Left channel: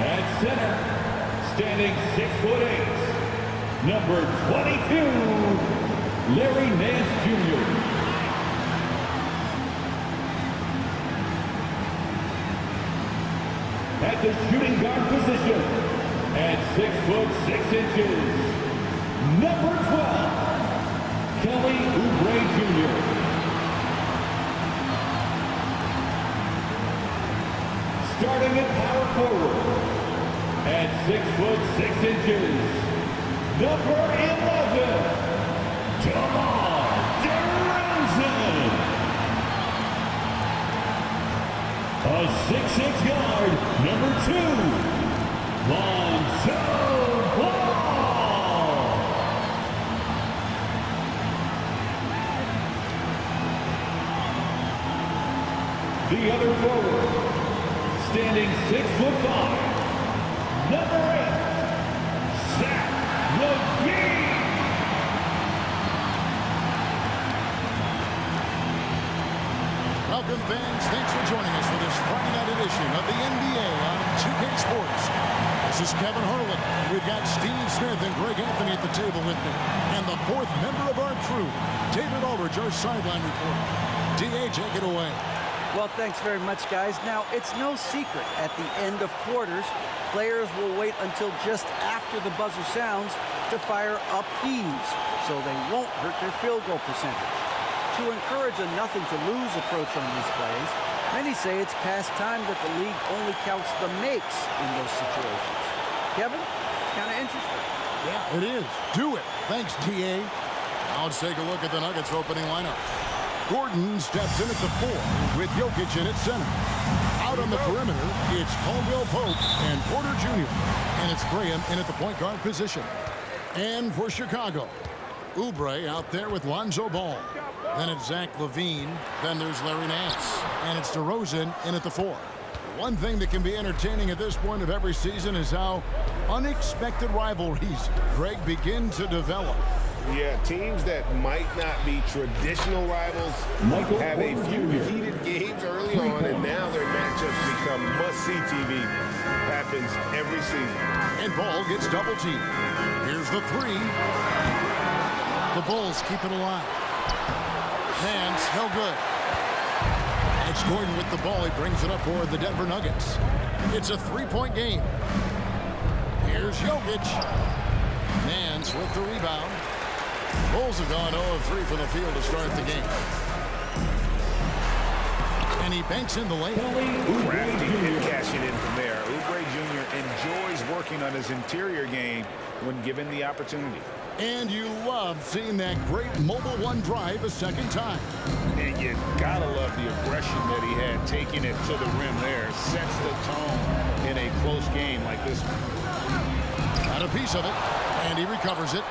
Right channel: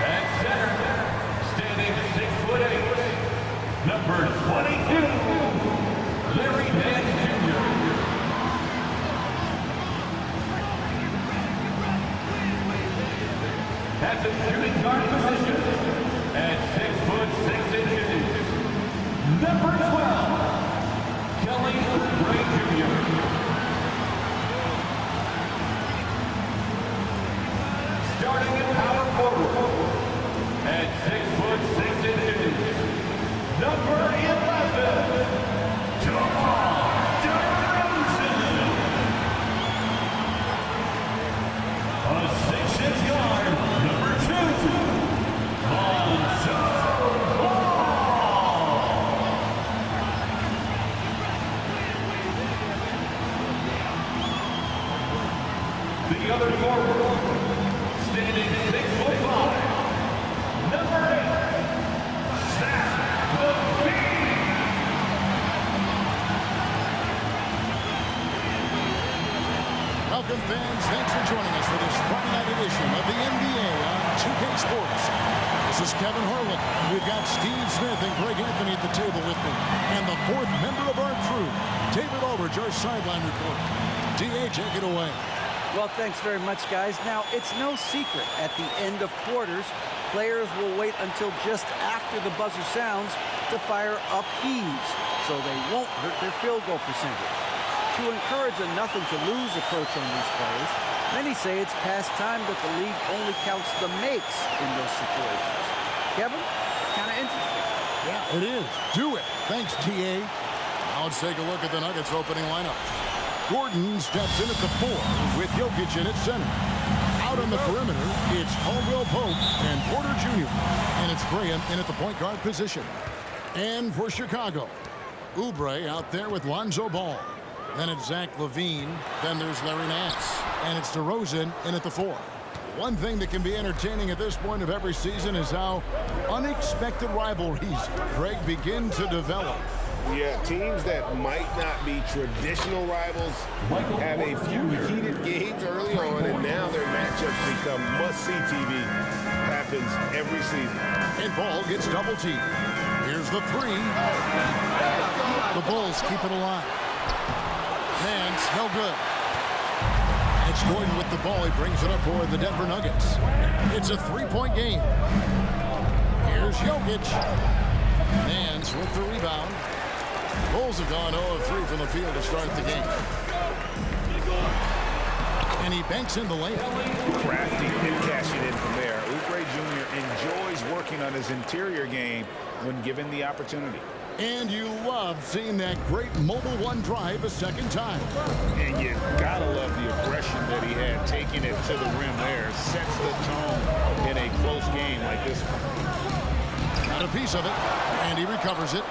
At center, standing 6'8", number 22, Larry Nance Jr. At the shooting guard position, at 6'6", number 12, Kelly Oubre Jr. Starting at power forward, at 6'6", number 11, DeMar DeRozan. A 6'6" guard, number 2, Lonzo Ball. The other forward, standing 6'5", number 8, Zach LaVine. Welcome, fans. Thanks for joining us for this Friday night edition of the NBA on 2K Sports. This is Kevin Harlan. We've got Steve Smith and Greg Anthony at the table with me. And the fourth member of our crew, David Aldridge, our sideline reporter. DA, take it away. Well, thanks very much, guys. Now, it's no secret at the end of quarters, players will wait until just after the buzzer sounds to fire up heaves, so they won't hurt their field goal percentage. To encourage a nothing-to-lose approach on these plays, many say it's past time that the league only counts the makes in those situations. Kevin, it's kind of interesting. Yeah, it is. Do it. Thanks, TA. Now let's take a look at the Nuggets opening lineup. Gordon steps in at the 4 with Jokic in at center. Out on the perimeter, it's Caldwell Pope and Porter Jr. And it's Graham in at the point guard position. And for Chicago, Oubre out there with Lonzo Ball. Then it's Zach LaVine. Then there's Larry Nance. And it's DeRozan in at the 4. One thing that can be entertaining at this point of every season is how unexpected rivalries, Greg, begin to develop. Yeah, teams that might not be traditional rivals have a few heated games early on, and now their matchups become must-see TV. Happens every season. And Ball gets double-teamed. Here's the 3. The Bulls keep it alive. Nance, no good. It's Gordon with the ball. He brings it up for the Denver Nuggets. It's a 3-point game. Here's Jokic. Nance with the rebound. Bulls have gone 0 of 3 from the field to start the game. And he banks in the layup. Crafty and cashing in from there. Oubre Jr. enjoys working on his interior game when given the opportunity. And you love seeing that great mobile one drive a second time. And you gotta love the aggression that he had taking it to the rim there. Sets the tone in a close game like this one. Got a piece of it, and he recovers it.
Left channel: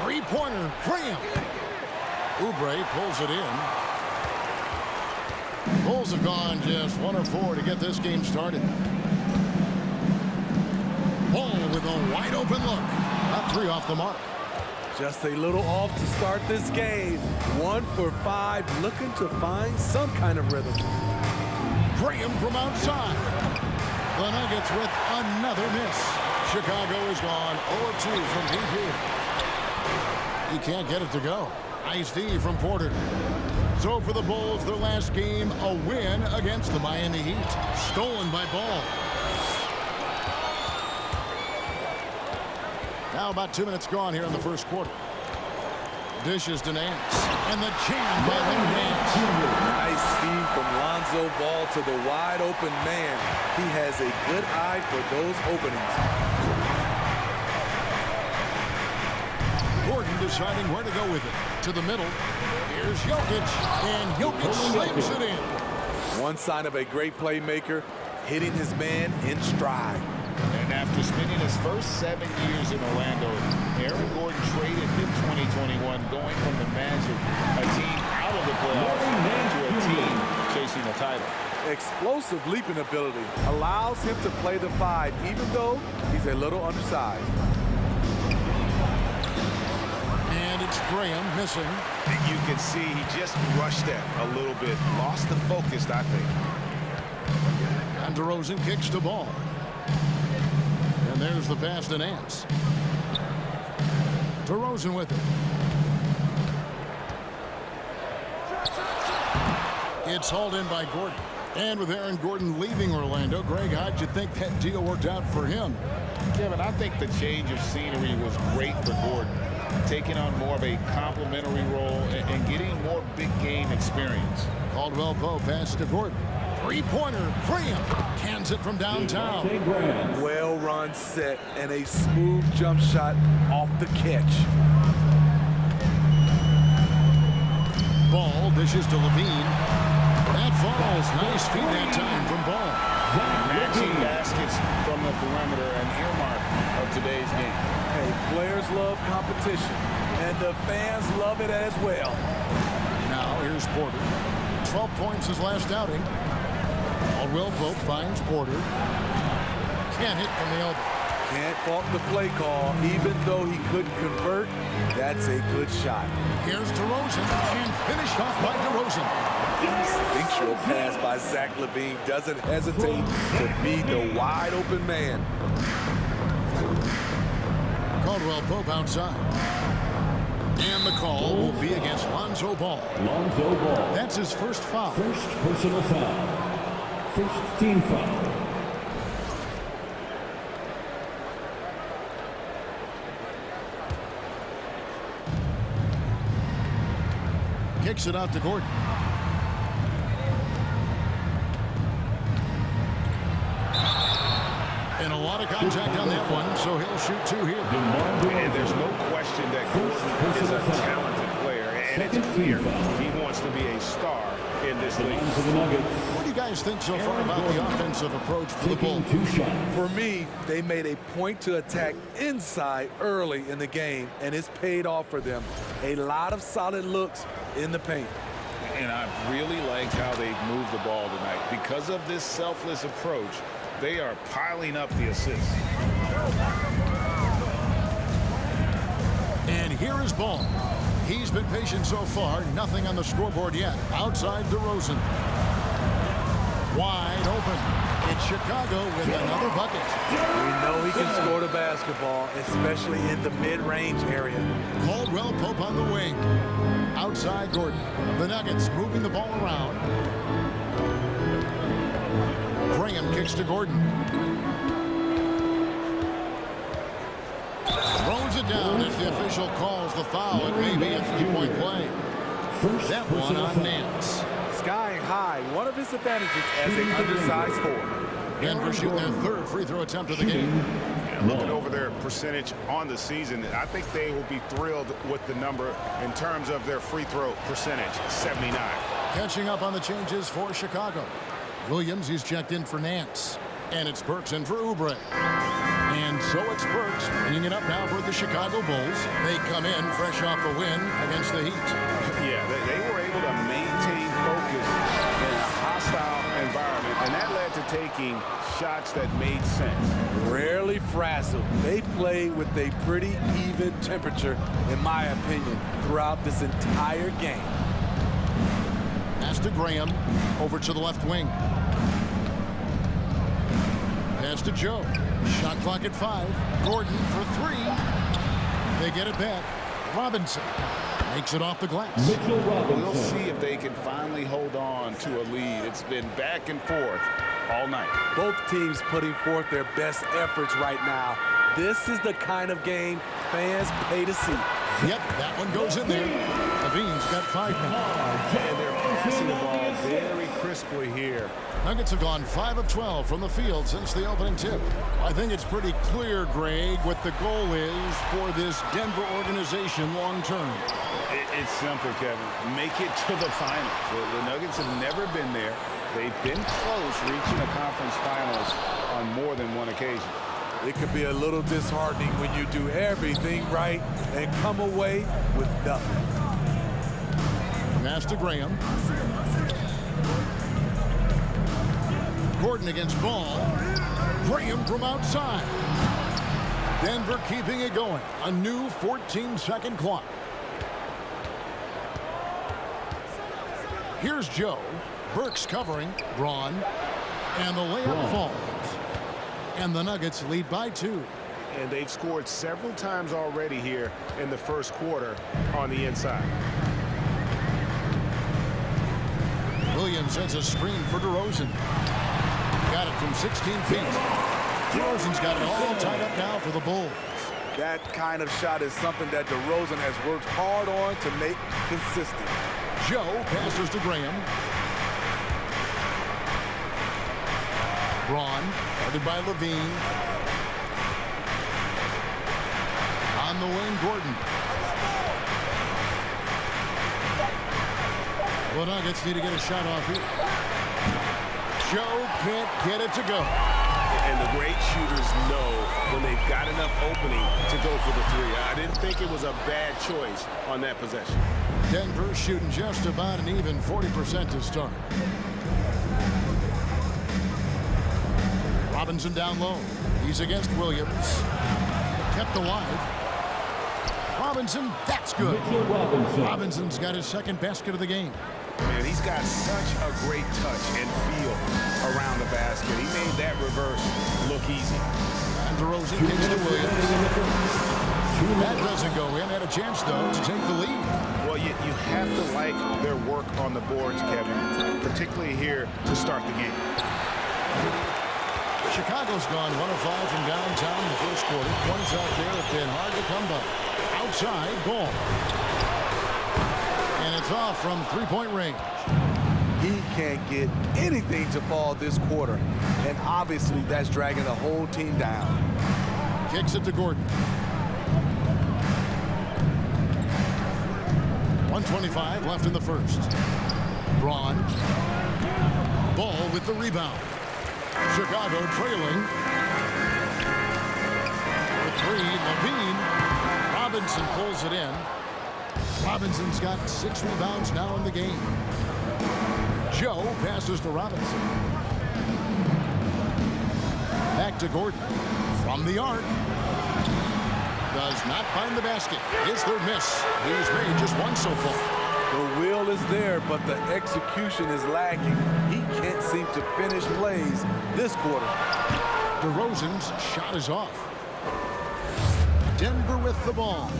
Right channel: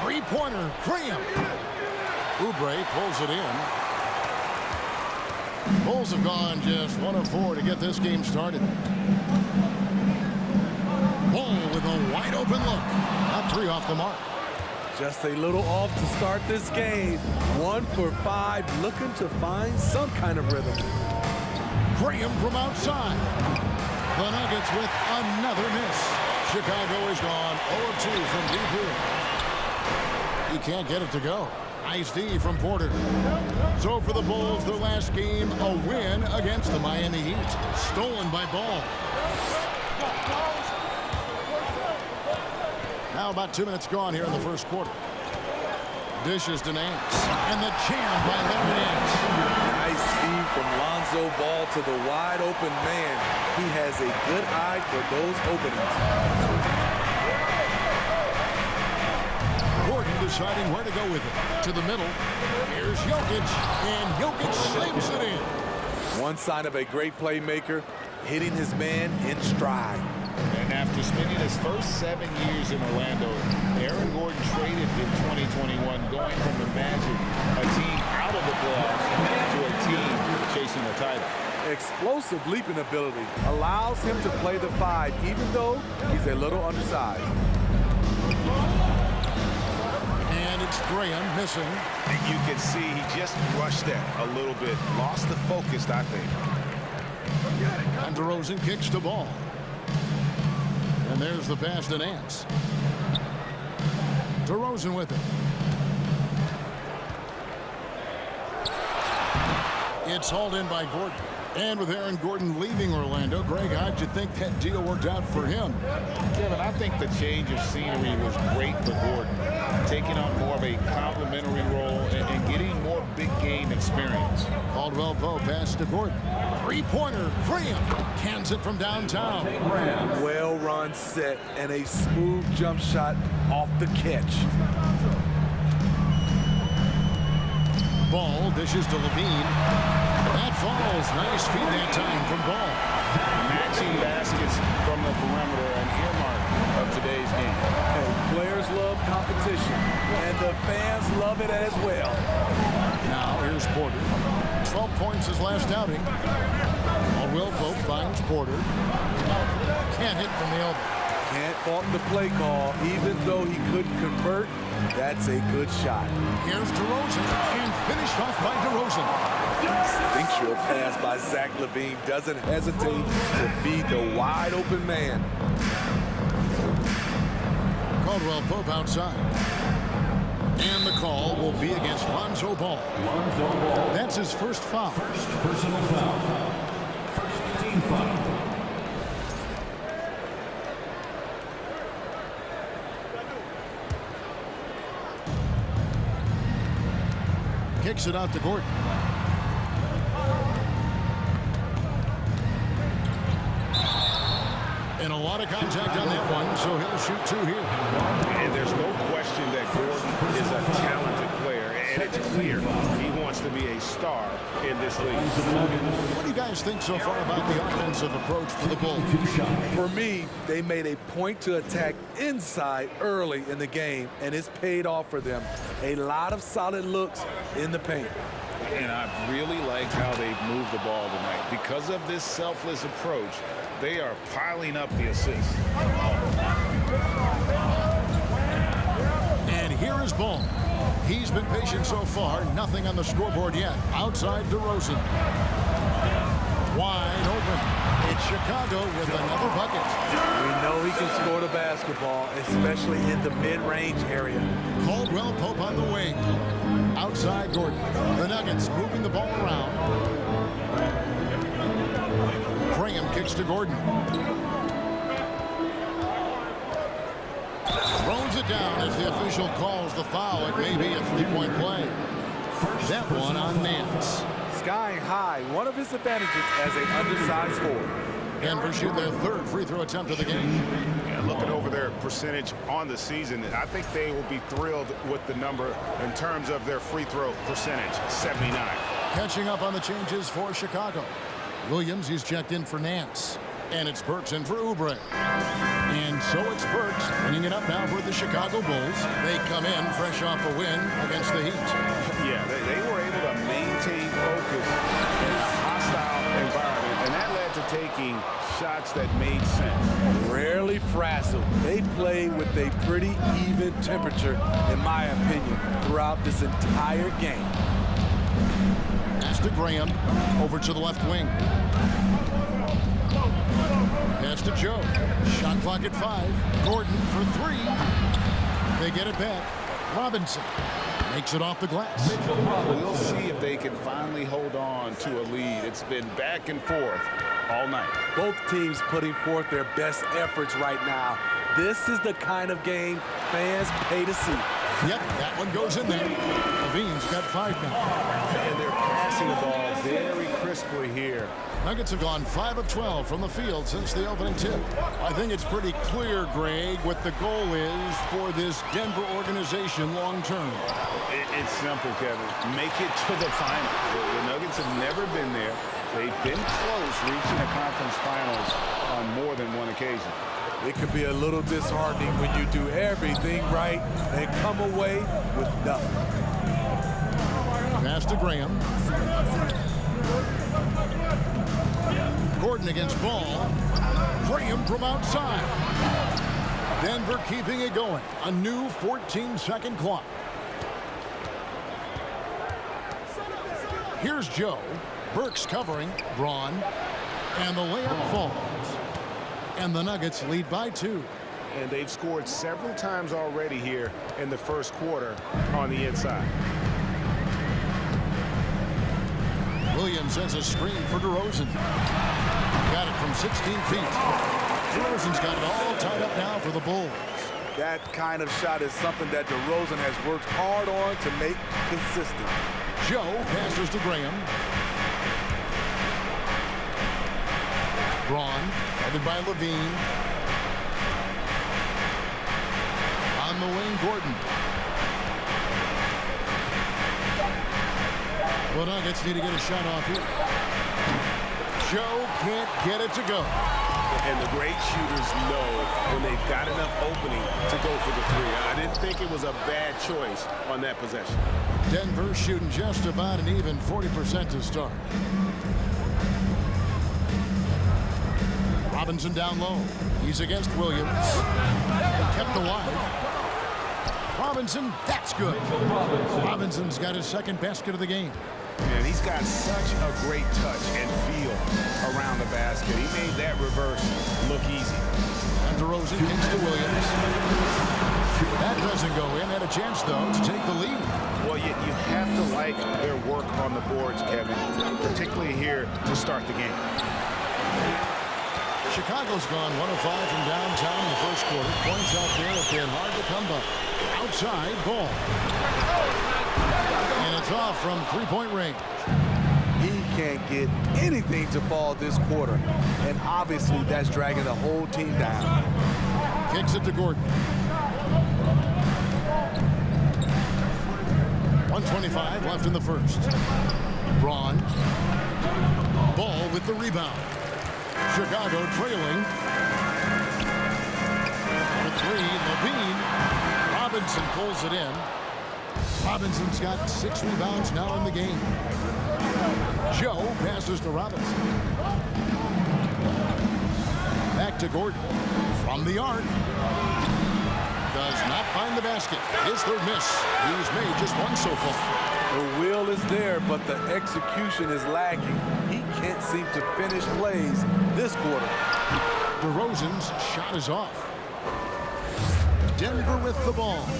Three-pointer, Graham. Oubre pulls it in. Bulls have gone just 1 of 4 to get this game started. Ball with a wide-open look. That 3 off the mark. Just a little off to start this game. 1 for 5, looking to find some kind of rhythm. Graham from outside. The Nuggets with another miss. Chicago is gone 0 of 2 from deep here. He can't get it to go. Nice D from Porter. So for the Bulls, their last game, a win against the Miami Heat. Stolen by Ball. Now about 2 minutes gone here in the first quarter. Dishes to Nance. And the jam by Larry Nance. Nice feed from Lonzo Ball to the wide open man. He has a good eye for those openings. Gordon deciding where to go with it. To the middle. Here's Jokic. And Jokic slams it in. One sign of a great playmaker, hitting his man in stride. And after spending his first 7 years in Orlando, Aaron Gordon traded in 2021, going from the Magic, a team out of the playoffs, to a team chasing a title. Explosive leaping ability allows him to play the 5, even though he's a little undersized. And it's Graham missing. You can see he just rushed that a little bit, lost the focus, I think. And DeRozan kicks the ball. And there's the pass to Nance. DeRozan with it. It's hauled in by Gordon. And with Aaron Gordon leaving Orlando, Greg, how'd you think that deal worked out for him? Kevin, I think the change of scenery was great for Gordon, taking on more of a complimentary role and getting more big game experience. Caldwell Pope pass to Gordon. Three-pointer, Graham cans it from downtown. Well-run set and a smooth jump shot off the catch. Ball dishes to Levine. That falls. Nice feed that time from Ball. Matching baskets from the perimeter, an earmark of today's game. Hey, players love competition, and the fans love it as well. Now here's Porter. 12 points his last outing. Caldwell Pope finds Porter. Can't hit from the elbow. Can't fault the play call, even though he couldn't convert. That's a good shot. Here's DeRozan, and finished off by DeRozan. Instinctual pass by Zach LaVine doesn't hesitate to feed the wide open man. Caldwell Pope outside. And the call will be against Lonzo Ball. Lonzo Ball. That's his first foul. First personal foul. First team foul. Kicks it out to Gordon. And a lot of contact on that one, so he'll shoot two here. And there's no question that Gordon is a talented player, and it's clear he wants to be a star in this league. What do you guys think so far about the offensive approach for the Bulls? For me, they made a point to attack inside early in the game, and it's paid off for them. A lot of solid looks in the paint. And I really liked how they moved the ball tonight. Because of this selfless approach, they are piling up the assists. And here is Ball. He's been patient so far. Nothing on the scoreboard yet. Outside DeRozan. Wide open. It's Chicago with another bucket. We know he can score the basketball, especially in the mid-range area. Caldwell Pope on the wing. Outside Gordon. The Nuggets moving the ball around. Graham kicks to Gordon. Throws it down as the official calls the foul. It may be a three-point play. That one on Nance. Skying high, one of his advantages as an undersized forward. Denver shooting their third free throw attempt of the game. And looking over their percentage on the season, I think they will be thrilled with the number in terms of their free throw percentage, 79. Catching up on the changes for Chicago. Williams, he's checked in for Nance. And it's Burks in for Oubre. And so it's Burks bringing it up now for the Chicago Bulls. They come in fresh off a win against the Heat. Yeah, they were able to maintain focus in a hostile environment, and that led to taking shots that made sense. Rarely frazzled. They play with a pretty even temperature, in my opinion, throughout this entire game. Pass to Graham, over to the left wing. Pass to Joe. Shot clock at 5. Gordon for 3. They get it back. Robinson makes it off the glass. We'll see if they can finally hold on to a lead. It's been back and forth all night. Both teams putting forth their best efforts right now. This is the kind of game fans pay to see. Yep, that one goes in there. Levine's got 5 now. And they're passing the ball very crisply here. Nuggets have gone 5 of 12 from the field since the opening tip. I think it's pretty clear, Greg, what the goal is for this Denver organization long term. It's simple, Kevin. Make it to the finals. The Nuggets have never been there. They've been close reaching the conference finals on more than one occasion. It could be a little disheartening when you do everything right and come away with nothing. Pass to Graham. Gordon against Ball. Graham from outside. Denver keeping it going. A new 14-second clock. Here's Joe. Burks covering. Braun. And the layup falls. And the Nuggets lead by 2. And they've scored several times already here in the first quarter on the inside. Williams sends a screen for DeRozan. Got it from 16 feet. DeRozan's got it all tied up now for the Bulls. That kind of shot is something that DeRozan has worked hard on to make consistent. Joe passes to Graham. Braun, guarded by Levine. On the wing, Gordon. The Nuggets need to get a shot off here. Joe can't get it to go. And the great shooters know when they've got enough opening to go for the three. I didn't think it was a bad choice on that possession. Denver shooting just about an even 40% to start. Robinson down low. He's against Williams. Kept alive. Robinson, that's good. Robinson's got his second basket of the game. Man, he's got such a great touch and feel around the basket. He made that reverse look easy. And DeRozan kicks to Williams. That doesn't go in. Had a chance, though, to take the lead. Well, you have to like their work on the boards, Kevin, particularly here to start the game. Chicago's gone 1 of 5 from downtown in the first quarter. Points out there have been hard to come by. Outside, Ball. And it's off from three-point range. He can't get anything to fall this quarter. And obviously, that's dragging the whole team down. Kicks it to Gordon. 1:25 left in the first. Braun. Ball with the rebound. Chicago trailing. For 3, Levine. Robinson pulls it in. Robinson's got 6 rebounds now in the game. Joe passes to Robinson. Back to Gordon. From the arc. Does not find the basket. His third miss. He's made just 1 so far. The will is there, but the execution is lacking. He can't seem to finish plays this quarter. DeRozan's shot is off. Denver with the ball.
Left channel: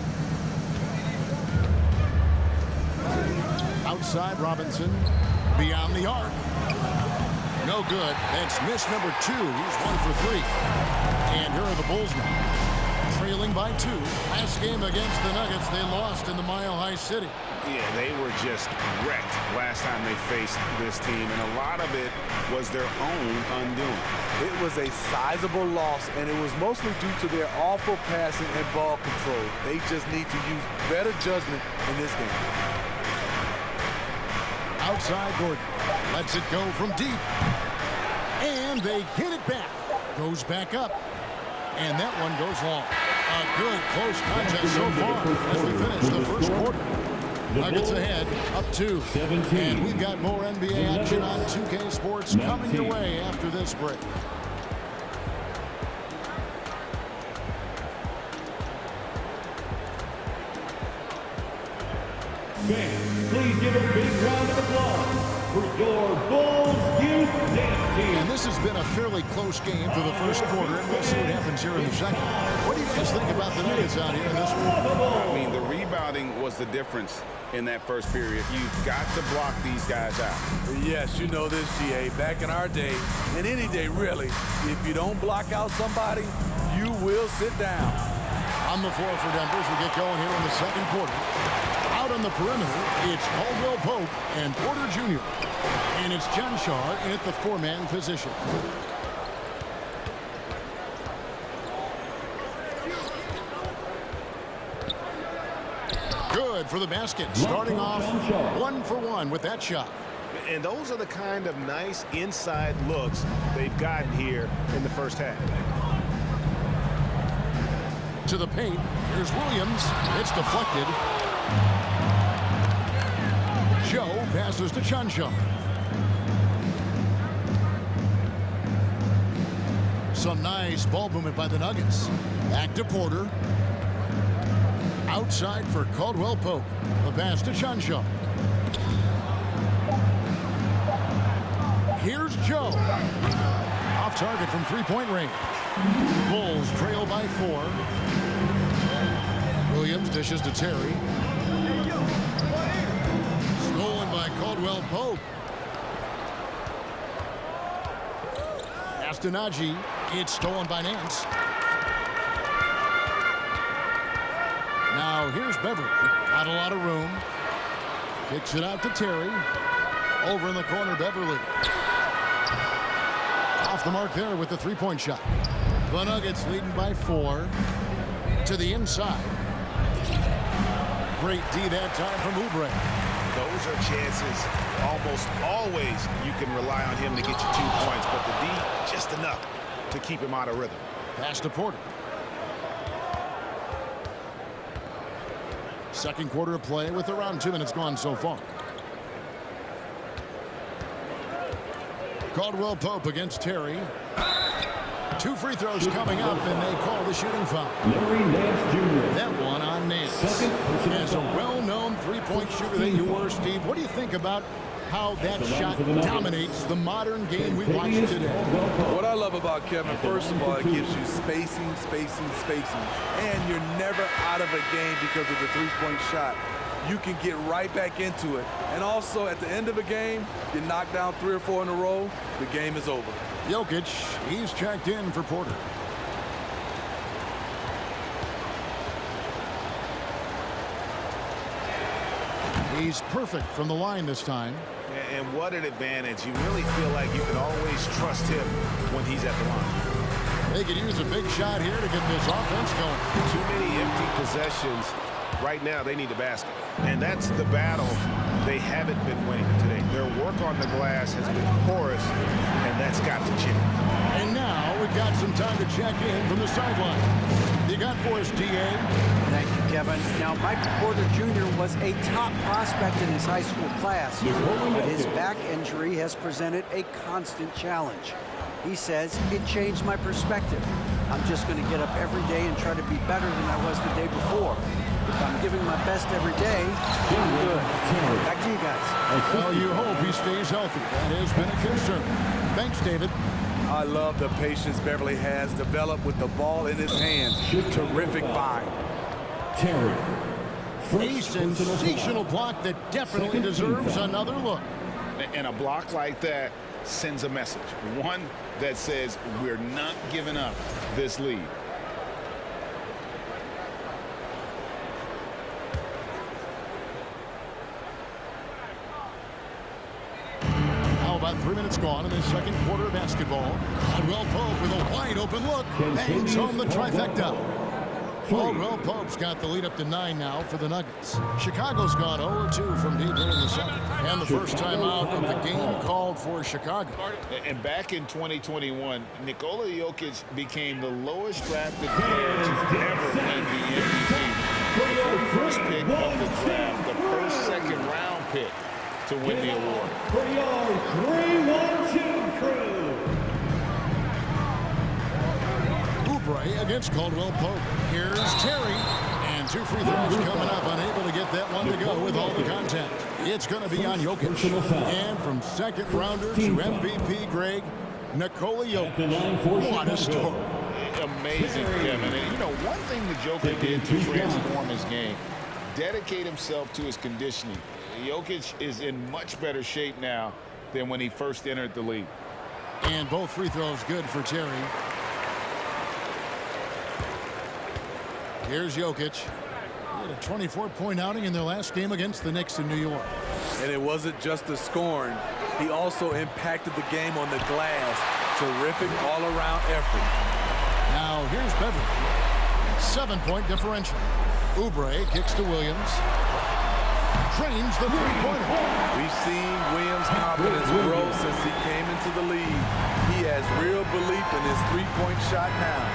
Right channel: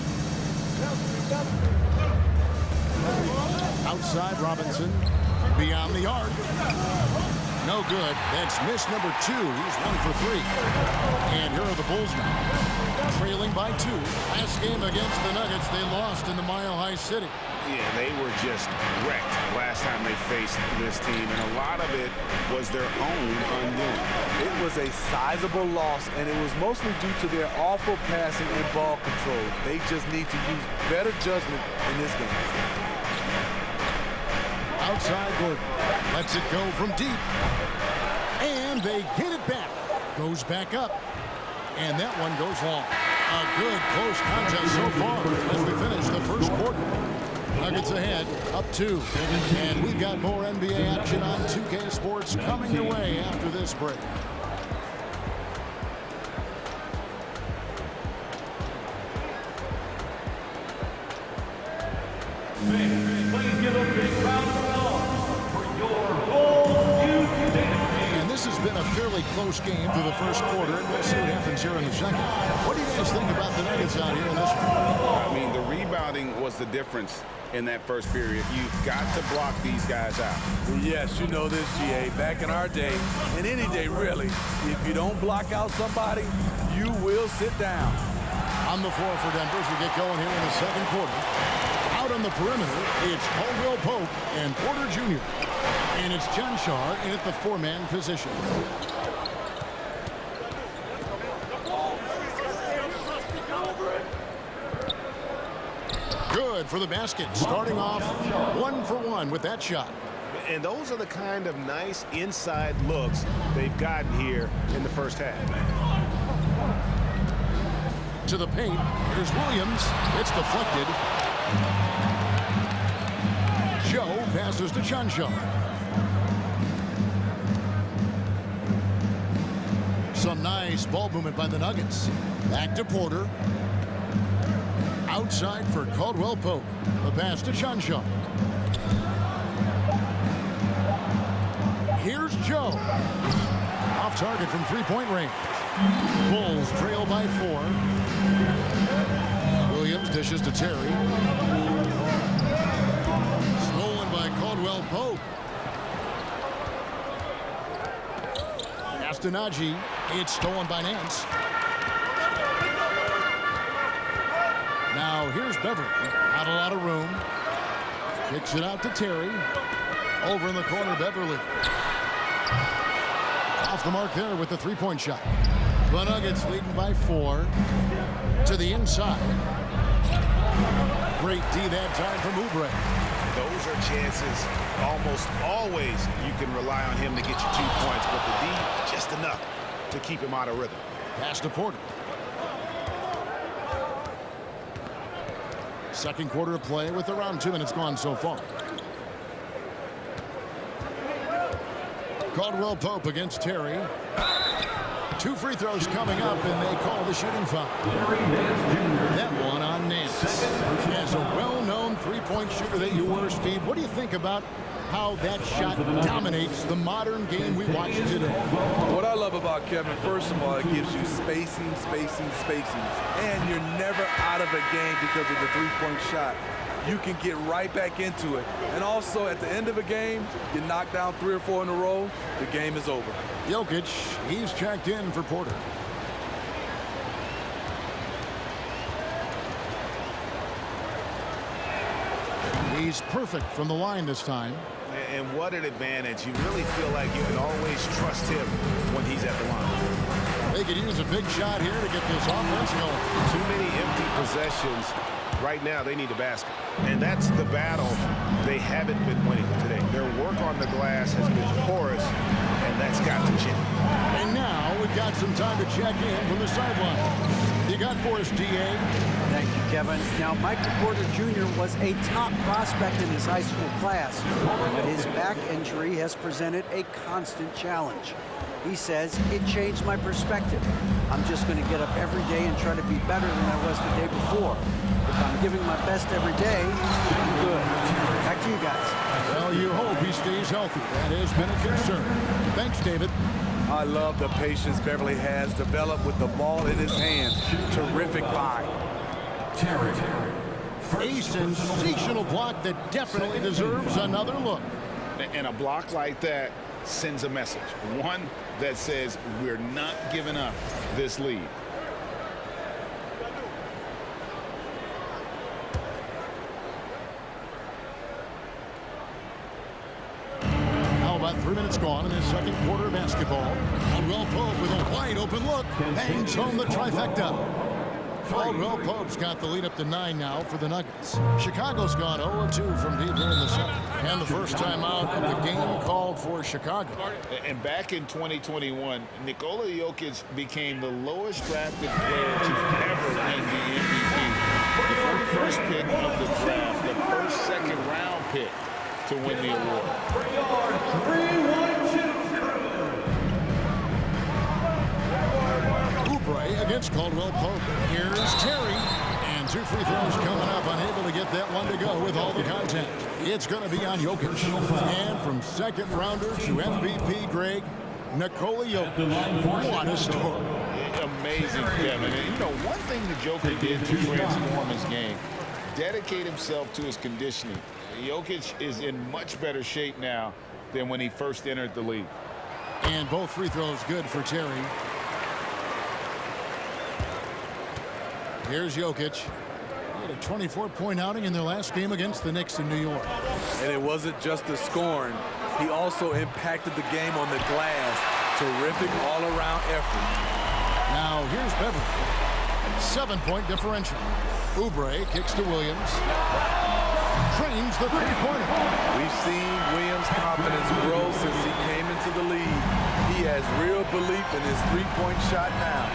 Outside Robinson. Beyond the arc. No good. That's miss number 2. He's 1 for 3. And here are the Bulls now. Trailing by 2. Last game against the Nuggets, they lost in the Mile High City. Yeah, they were just wrecked last time they faced this team, and a lot of it was their own undoing. It was a sizable loss, and it was mostly due to their awful passing and ball control. They just need to use better judgment in this game. Outside Gordon. Lets it go from deep. And they get it back. Goes back up. And that one goes long. A good close contest so far as we finish the first quarter. Nuggets ahead, up 2. And we've got more NBA action on 2K Sports coming your way after this break. Fans, please give a big round of applause for your Bulls Youth Dance Team. And this has been a fairly close game through the first quarter, and we'll see what happens here in the second. What do you guys think about the Nuggets out here in this one? I mean, the rebounding was the difference in that first period. You've got to block these guys out. Yes, you know this, GA. Back in our day, and any day really, if you don't block out somebody, you will sit down. On the floor for Denver as we get going here in the second quarter. Out on the perimeter, it's Caldwell Pope and Porter Jr. And it's Cancar in at the 4-man position. Good for the basket. Starting off 1 for 1 with that shot. And those are the kind of nice inside looks they've gotten here in the first half. To the paint. Here's Williams. It's deflected. Joe passes to Cancar. Some nice ball movement by the Nuggets. Back to Porter. Outside for Caldwell Pope. The pass to Cancar. Here's Joe. Off target from three-point range. Bulls trail by 4. Williams dishes to Terry. Stolen by Caldwell Pope. Astonagi. It's stolen by Nance. Now here's Beverly. Not a lot of room. Kicks it out to Terry. Over in the corner, Beverly. Off the mark there with the three-point shot. The Nuggets leading by 4. To the inside. Great D that time from Oubre. Those are chances almost always you can rely on him to get you 2 points, but the D just enough to keep him out of rhythm. Pass to Porter. Second quarter of play with around 2 minutes gone so far. Caldwell Pope against Terry. 2 free throws coming up, and they call the shooting foul. Larry Nance Jr. That one on Nance. As a well-known three-point shooter that you were, Steve, what do you think about how that shot dominates the modern game we watch today? What I love about Kevin, first of all, it gives you spacing. And you're never out of a game because of the three-point shot. You can get right back into it. And also, at the end of a game, you knock down 3 or 4 in a row, the game is over. Jokic, he's checked in for Porter. He's perfect from the line this time. And what an advantage. You really feel like you can always trust him when he's at the line. They could use a big shot here to get this offense going. Too many empty possessions. Right now, they need a basket. And that's the battle they haven't been winning today. Their work on the glass has been porous, and that's got to change. And now we've got some time to check in from the sideline. You got for us, DA? Thank you, Kevin. Now, Michael Porter Jr. was a top prospect in his high school class, but his back injury has presented a constant challenge. He says, it changed my perspective. I'm just going to get up every day and try to be better than I was the day before. If I'm giving my best every day, I'm good. Back to you guys. Well, you hope he stays healthy. That has been a concern. Thanks, David. I love the patience Beverly has developed with the ball in his hands. Terrific find. Terry. A sensational block that definitely deserves another look. And a block like that sends a message. One that says we're not giving up this lead. How about 3 minutes gone in the second quarter of basketball? Caldwell Pope with a wide open look. Bangs home the trifecta. Caldwell Pope's got the lead up to 9 now for the Nuggets. Chicago's gone 0-2 from deep here in the second. And the first time out of the game called for Chicago. And back in 2021, Nikola Jokic became the lowest drafted player to ever win the MVP. The first pick of the draft, the first second-round pick to win the award. For your 3-1-2 crew. Oubre against Caldwell Pope. Here's Terry. And 2 free throws coming up. Unable to get that one to go with all the contact. It's going to be on Jokic. And from second rounder to MVP, Greg, Nikola Jokic. What a story. Amazing, Kevin. And, you know, one thing the Joker did to transform his game, dedicate himself to his conditioning. Jokic is in much better shape now than when he first entered the league. And both free throws good for Terry. Here's Jokic. He had a 24-point outing in their last game against the Knicks in New York. And it wasn't just the scoring. He also impacted the game on the glass. Terrific all-around effort. Now here's Beverly. 7-point differential. Oubre kicks to Williams. Trains the three-pointer. We've seen Williams' confidence grow since he came into the league. He has real belief in his three-point shot now.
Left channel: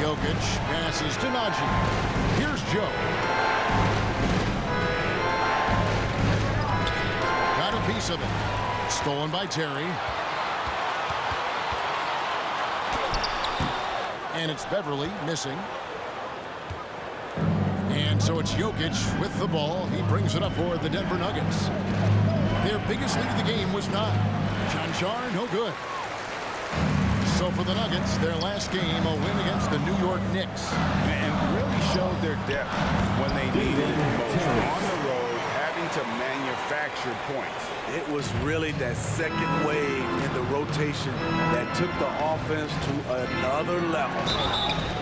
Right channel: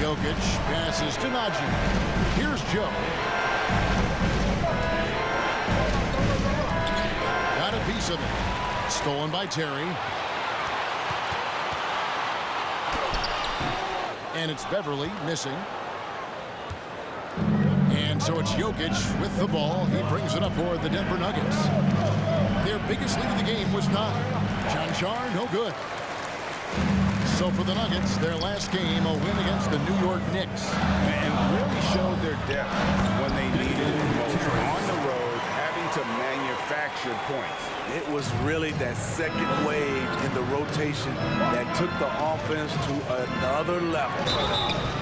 Jokic passes to Najee. Here's Joe. Got a piece of it. Stolen by Terry. And it's Beverly missing. And so it's Jokic with the ball. He brings it up for the Denver Nuggets. Their biggest lead of the game was 9. Janjar, no good. So for the Nuggets, their last game, a win against the New York Knicks. And really showed their depth when they needed it most. On the road, having to manufacture points. It was really that second wave in the rotation that took the offense to another level.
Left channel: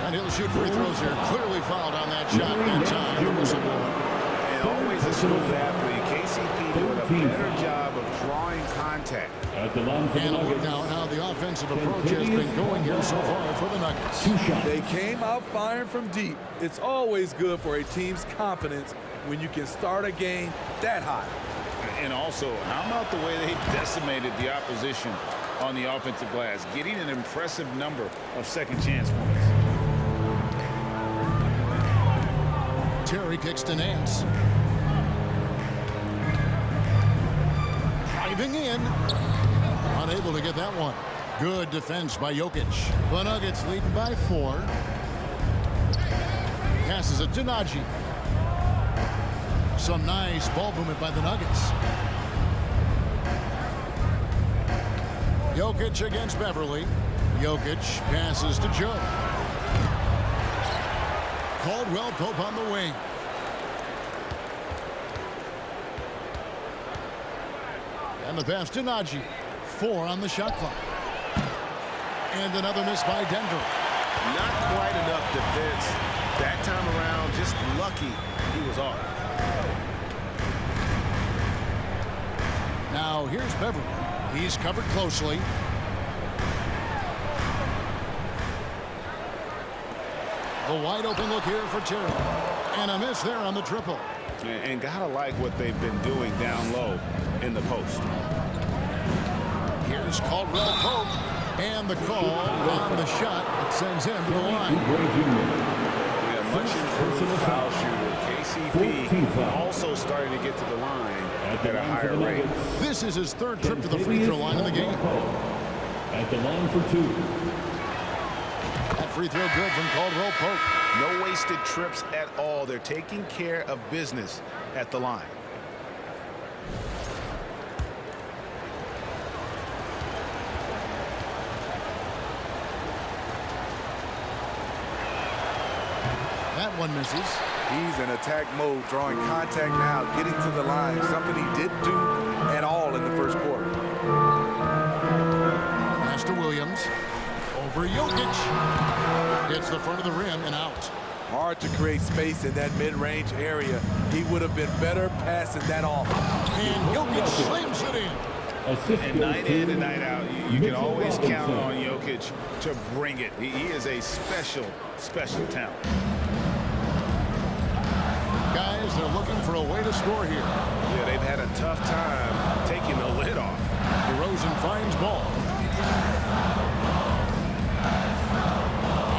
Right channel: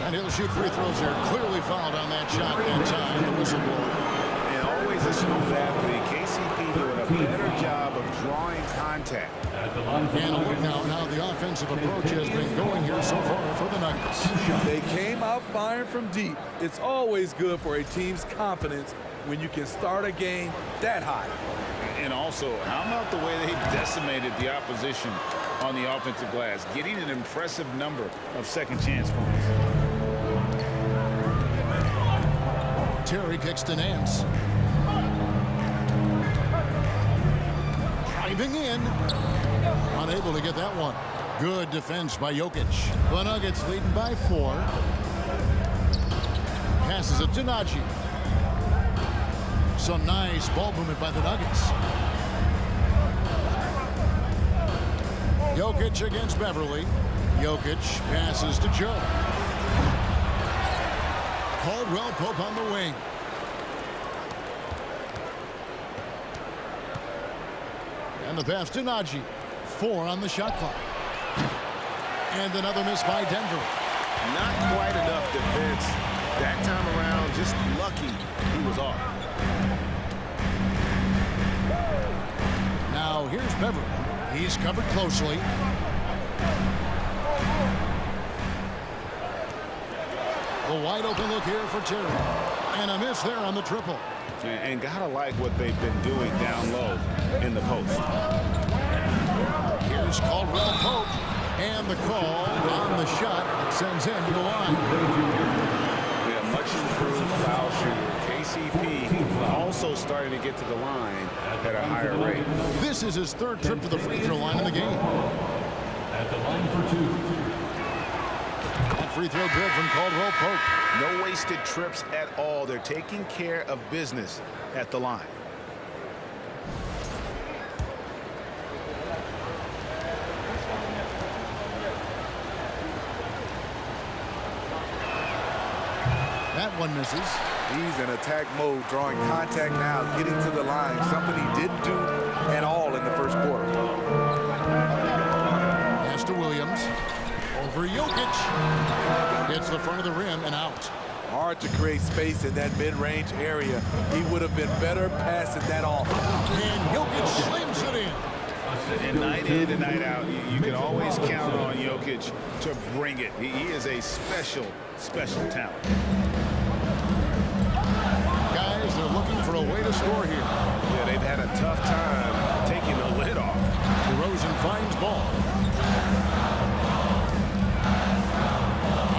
And he'll shoot free throws here. Clearly fouled on that shot that time, the whistle blower. And always a smooth athlete. KCP doing a better job of drawing contact. And a look now at how the offensive approach has been going here so far for the Nuggets. They came out firing from deep. It's always good for a team's confidence when you can start a game that high. And also, how about the way they decimated the opposition on the offensive glass, getting an impressive number of second chance points. Terry kicks to Nance. Driving in. Unable to get that one. Good defense by Jokic. The Nuggets leading by 4. Passes it to Nagy. Some nice ball movement by the Nuggets. Jokic against Beverly. Jokic passes to Joe. Caldwell Pope on the wing. And the pass to Nagy. 4 on the shot clock. And another miss by Denver. Not quite enough defense that time around. Just lucky he was off. Now here's Beverly. He's covered closely. The wide open look here for Terry. And a miss there on the triple. And gotta like what they've been doing down low in the post. Here's Caldwell Pope. And the call on the shot that sends him to the line. We have much improved foul shooter. KCP also starting to get to the line at a higher rate. This is his 3rd trip to the free throw line in the game. At the line for 2. That free throw good from Caldwell Pope. No wasted trips at all. They're taking care of business at the line. That one misses. He's in attack mode, drawing contact now, getting to the line, something he didn't do at all in the first quarter. Pass to Williams. Over Jokic. Hits the front of the rim and out. Hard to create space in that mid-range area. He would have been better passing that off. And Jokic slams it in. And night in and night out, you can always count on Jokic to bring it. He is a special, special talent. Guys, they're looking for a way to score here. Yeah, they've had a tough time taking the lid off. DeRozan finds ball.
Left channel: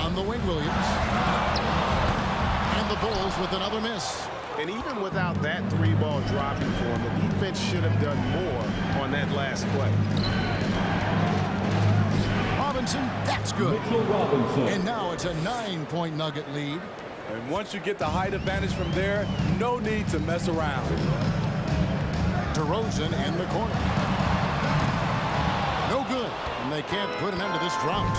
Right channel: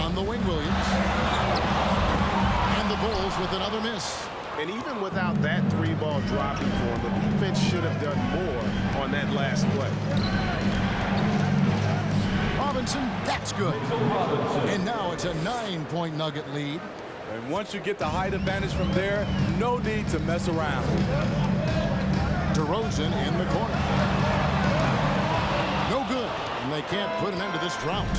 On the wing, Williams. And the Bulls with another miss. And even without that 3-ball dropping for him, the defense should have done more on that last play. Robinson, that's good. And now it's a 9-point Nugget lead. And once you get the height advantage from there, no need to mess around. DeRozan in the corner. No good, and they can't put an end to this drought.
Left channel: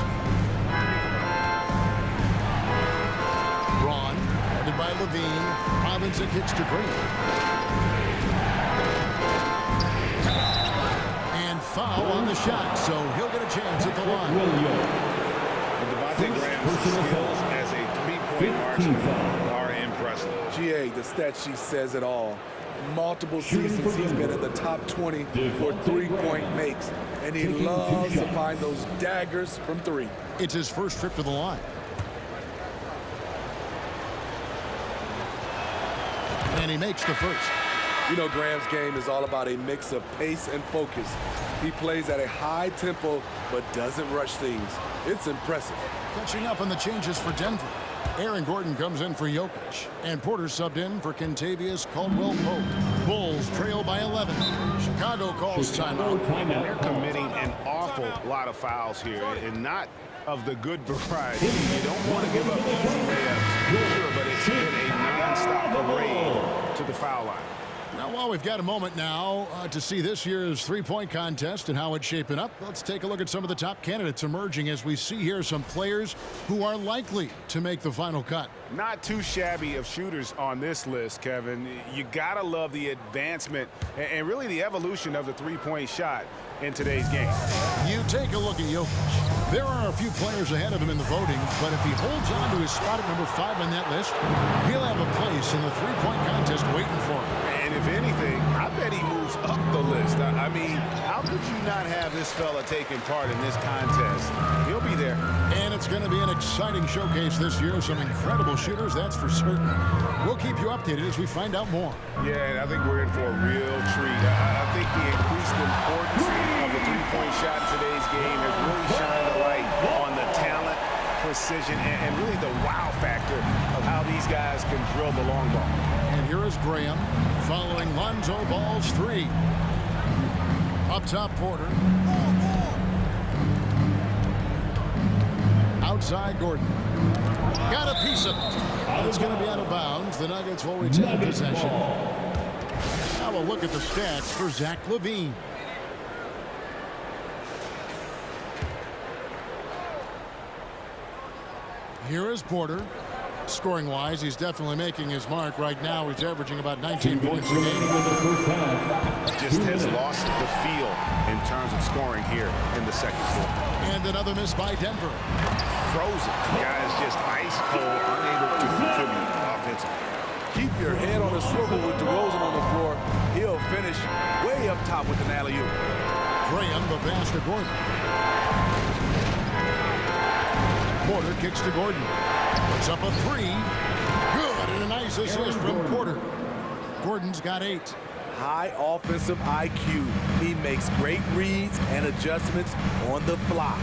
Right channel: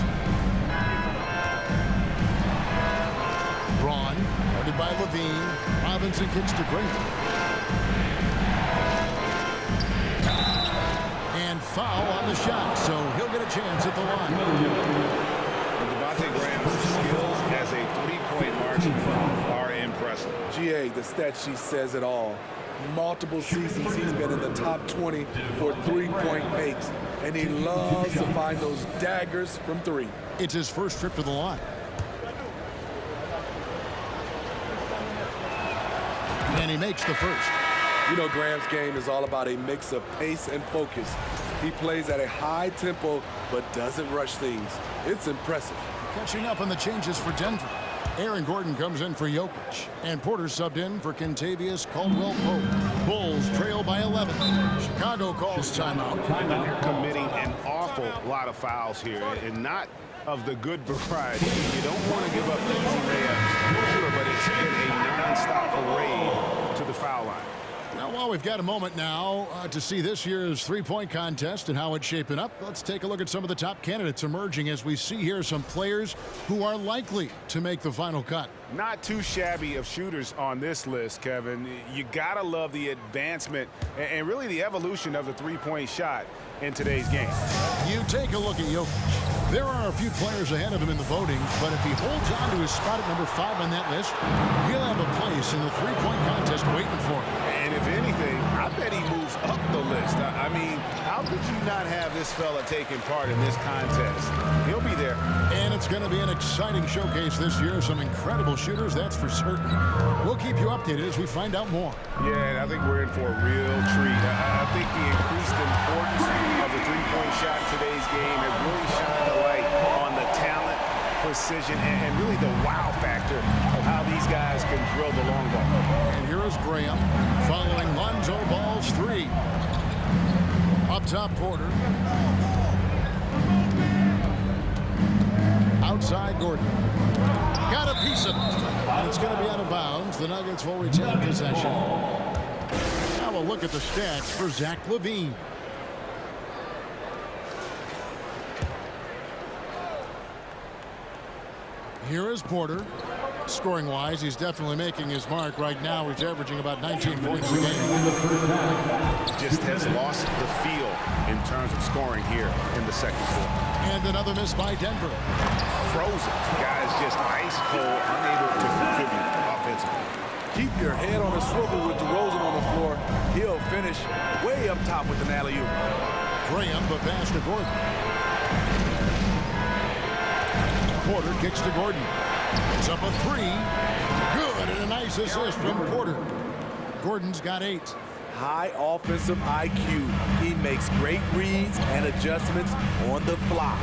Braun, guarded by Levine. Robinson kicks to Green. And foul on the shot, so he'll get a chance at the line. And Devontae Graham's skills as a three-point marksman are impressive. GA, the stat sheet says it all. Multiple seasons he's been in the top 20 for three-point makes, and he loves to find those daggers from 3. It's his first trip to the line. And he makes the first. You know, Graham's game is all about a mix of pace and focus. He plays at a high tempo, but doesn't rush things. It's impressive. Catching up on the changes for Denver. Aaron Gordon comes in for Jokic. And Porter subbed in for Kentavious Caldwell-Pope. Bulls trail by 11. Chicago calls timeout. And they're committing an awful lot of fouls here, and not of the good variety. You don't want to give up easy layups, sure, but it's been a non-stop parade to the foul line. Well, while we've got a moment now to see this year's three-point contest and how it's shaping up, let's take a look at some of the top candidates emerging as we see here some players who are likely to make the final cut. Not too shabby of shooters on this list, Kevin. You gotta love the advancement and really the evolution of the three-point shot in today's game. You take a look at Jokic. There are a few players ahead of him in the voting, but if he holds on to his spot at number 5 on that list, he'll have a place in the three-point contest waiting for him. And if anything, I bet he moves up the list. I mean, how could you not have this fella taking part in this contest? He'll be there. And it's going to be an exciting showcase this year. Some incredible shooters, that's for certain. We'll keep you updated as we find out more. Yeah, and I think we're in for a real treat. I think the increased importance of the three-point shot in today's game has really shined a light on the talent, precision, and really the wow factor of how these guys can drill the long ball. And here is Graham following Lonzo Ball's 3. Up top, Porter. Outside, Gordon. Got a piece of it. And it's going to be out of bounds. The Nuggets will retain possession. Now we'll look at the stats for Zach LaVine. Here is Porter. Scoring-wise, he's definitely making his mark. Right now, he's averaging about 19 points a game. Just has lost the feel in terms of scoring here in the second quarter. And another miss by Denver. Frozen. Guys just ice cold, unable to contribute offensively. Keep your head on a swivel with DeRozan on the floor. He'll finish way up top with an alley-oop. Graham, the pass to Gordon. Porter kicks to Gordon. Puts up a 3. Good, and a nice assist from Porter. Gordon's got 8. High offensive IQ. He makes great reads and adjustments on the fly.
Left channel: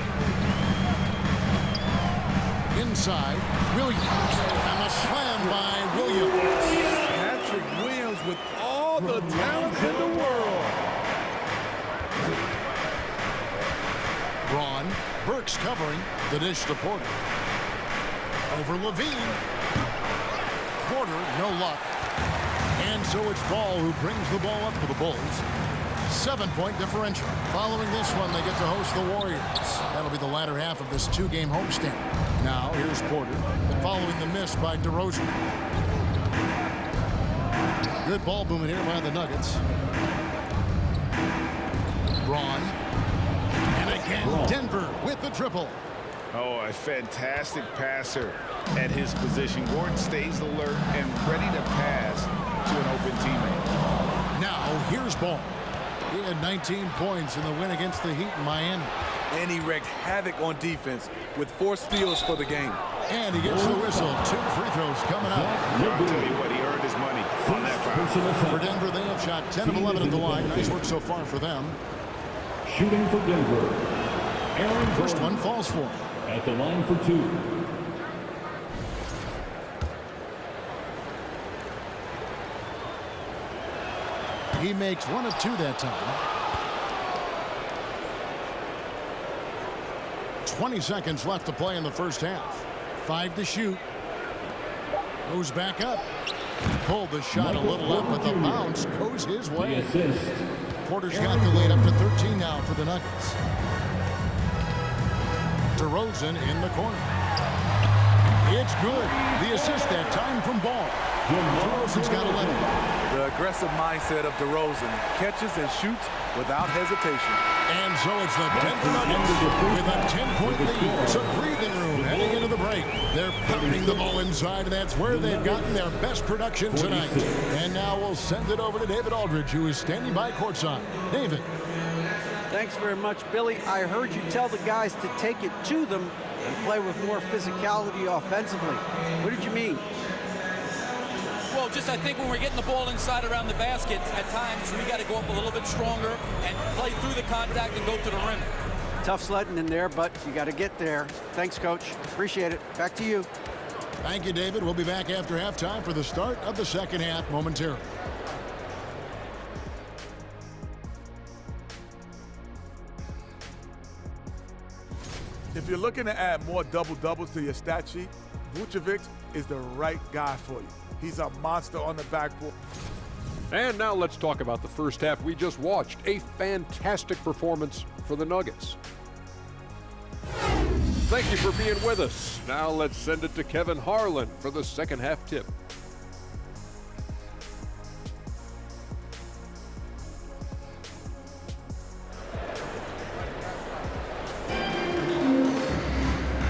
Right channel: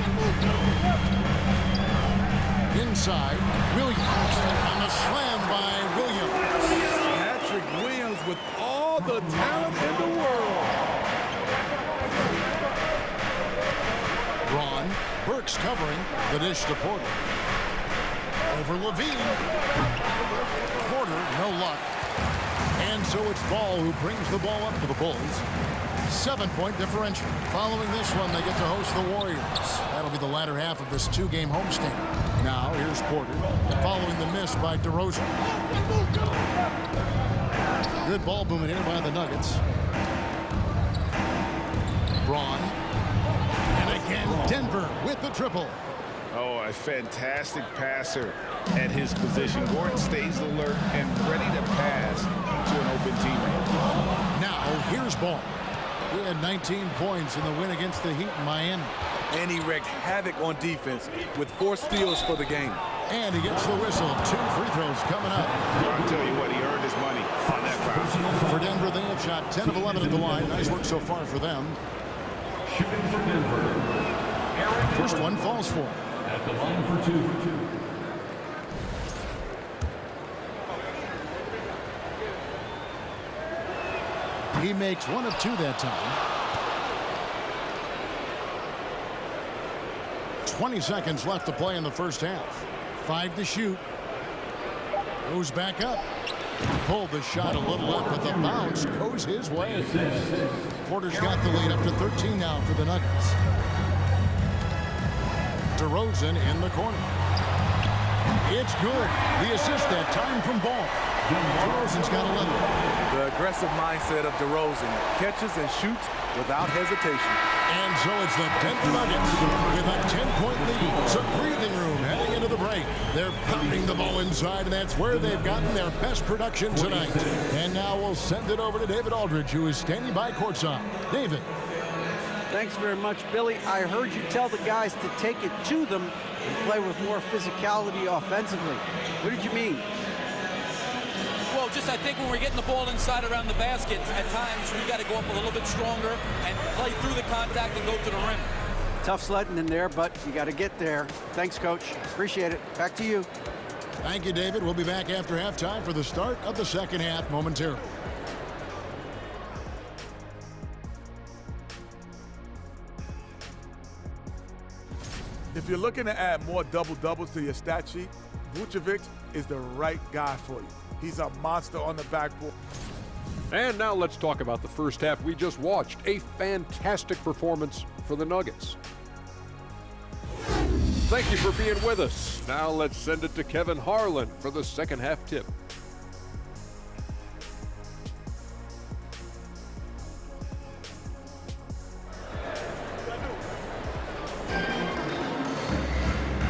Inside, Williams. And the slam by Williams. Patrick Williams with all the talent in the world. Braun. Burks covering. The dish to Porter. Over LaVine. Porter, no luck. And so it's Ball who brings the ball up for the Bulls. 7-point differential. Following this one, they get to host the Warriors. That'll be the latter half of this 2-game homestand. Now, here's Porter, following the miss by DeRozan. Good ball movement here by the Nuggets. Braun. And again, Denver with the triple. Oh, a fantastic passer at his position. Gordon stays alert and ready to pass to an open teammate. Now, here's Ball. He had 19 points in the win against the Heat in Miami. And he wreaked havoc on defense with 4 steals for the game. And he gets the whistle. 2 free throws coming up. I'll tell you what, he earned his money on that foul. For Denver, they have shot 10 of 11 at the line. Nice work so far for them. Shooting for Denver, Aaron First Gordon one falls for him. at the line for 2. He makes 1 of 2 that time. 20 seconds left to play in the first half. 5 to shoot. Goes back up. Pulled the shot a little up, but the bounce goes his way. Porter's got the lead up to 13 now for the Nuggets. DeRozan in the corner. It's good. The assist that time from Ball. DeRozan's got 11. The aggressive mindset of DeRozan catches and shoots without hesitation. And so it's the Denver Nuggets with a 10-point lead. Some breathing room heading into the break. They're pounding the ball inside, and that's where they've gotten their best production tonight. And now we'll send it over to David Aldridge, who is standing by courtside. David. Thanks very much, Billy. I heard you tell the guys to take it to them and play with more physicality offensively. What did you mean? Well, just I think when we're getting the ball inside around the basket, at times we got to go up a little bit stronger and play through the contact and go to the rim. Tough sledding in there, but you got to get there. Thanks, Coach. Appreciate it. Back to you. Thank you, David. We'll be back after halftime for the start of the second half momentarily. If you're looking to add more double-doubles to your stat sheet, Vucevic is the right guy for you. He's a monster on the backboard. And now let's talk about the first half we just watched. A fantastic performance for the Nuggets. Thank you for being with us. Now let's send it to Kevin Harlan for the second half tip.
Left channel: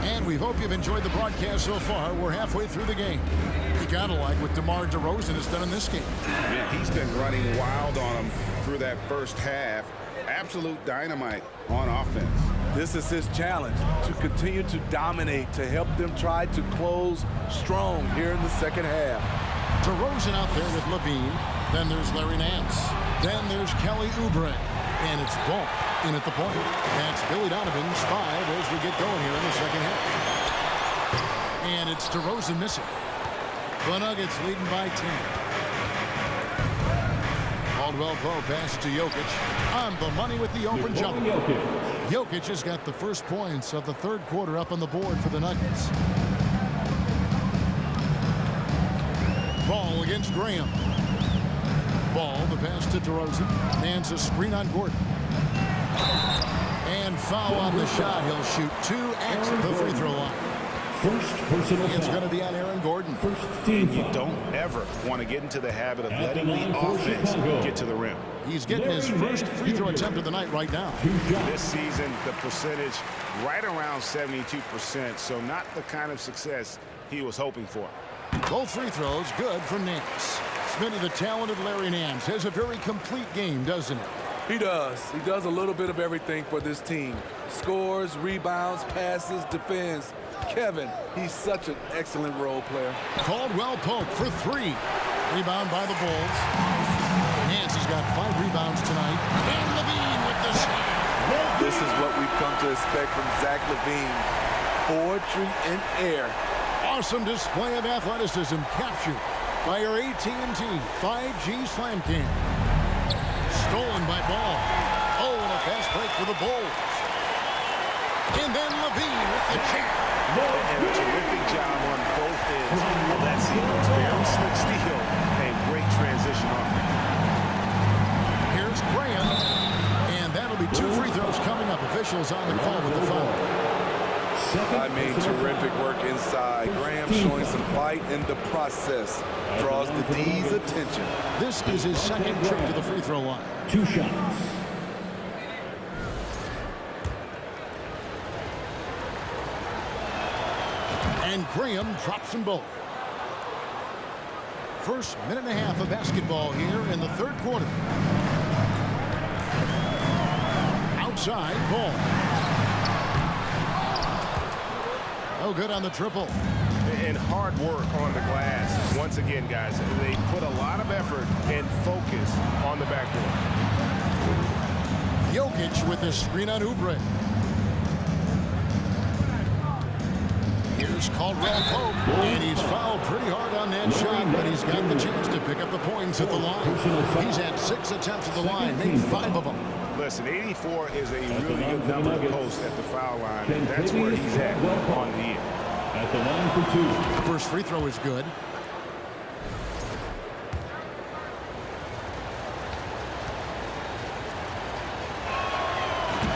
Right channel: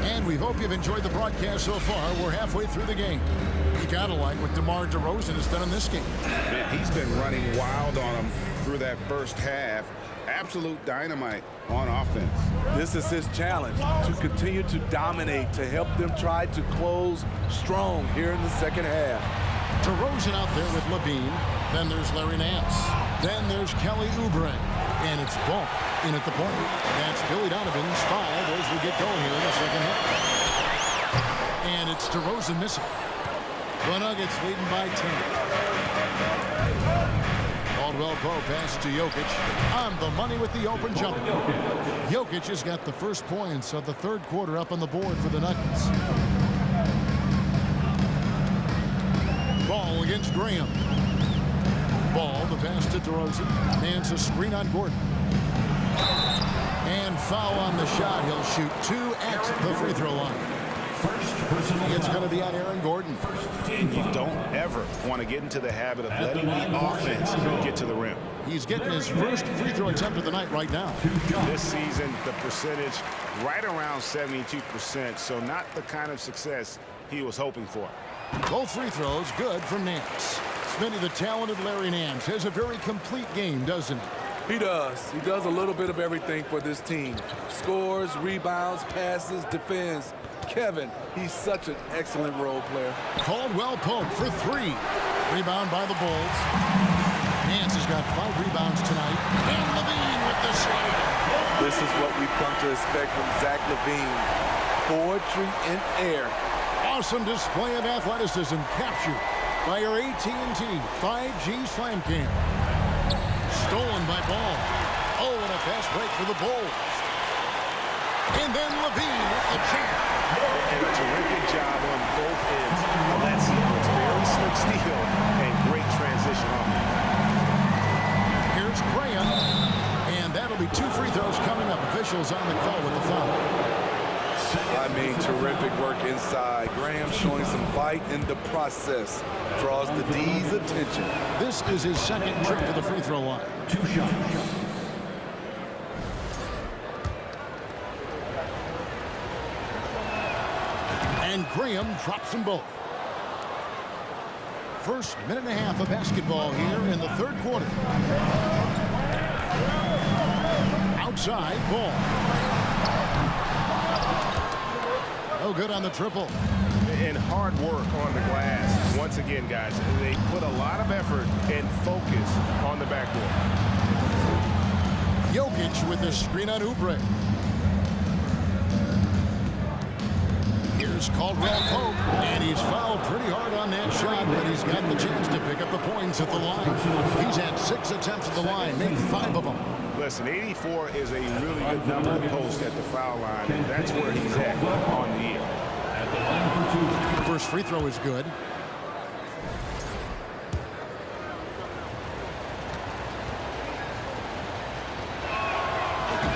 And we hope you've enjoyed the broadcast so far. We're halfway through the game. You gotta like what DeMar DeRozan has done in this game. Man, he's been running wild on them through that first half. Absolute dynamite on offense. This is his challenge, to continue to dominate, to help them try to close strong here in the second half. DeRozan out there with Levine. Then there's Larry Nance. Then there's Kelly Oubre. And it's Ball in at the point. That's Billy Donovan's 5 as we get going here in the second half. And it's DeRozan missing. The Nuggets leading by 10. Caldwell Pope passes to Jokic on the money with the open jumper. Jokic has got the first points of the third quarter up on the board for the Nuggets. Ball against Graham. Ball, the pass to DeRozan. Nance a screen on Gordon. And foul on the shot. He'll shoot 2 at the free throw line. First personal It's foul. going to be on Aaron Gordon. And you don't ever want to get into the habit of letting the offense get to the rim. He's getting his first free throw attempt of the night right now. This season, the percentage right around 72%, so not the kind of success he was hoping for. Both free throws good from Nance. Smitty, the talented Larry Nance, has a very complete game, doesn't he? He does. He does a little bit of everything for this team. Scores, rebounds, passes, defends. Kevin, he's such an excellent role player. Caldwell Pope for 3. Rebound by the Bulls. Nance has got 5 rebounds tonight. And Levine with the slam. This is what we've come to expect from Zach LaVine. Poetry in air. Awesome display of athleticism captured by our AT&T 5G Slam Cam. Stolen by Ball. Oh, and a fast break for the Bulls. And then Levine with the jam. And a terrific job on both ends of that sequence. Very slick steal and great transition offense. Here's Graham. And that'll be 2 free throws coming up. Officials on the call with the foul. I mean, terrific work inside. Graham showing some fight in the process. Draws the D's attention. This is his second trip to the free throw line. 2 shots. And Graham drops them both. First minute and a half of basketball here in the third quarter. Outside, Ball. No good on the triple. And hard work on the glass. Once again, guys, they put a lot of effort and focus on the backboard. Jokic with the screen on Oubre. Here's Caldwell Pope, and he's fouled pretty hard on that shot, but he's got the chance to pick up the points at the line. He's had 6 attempts at the line, made 5 of them. Listen, 84 is a really good number to post at the foul line, and that's where he's at on the year. At the line for 2. First free throw is good.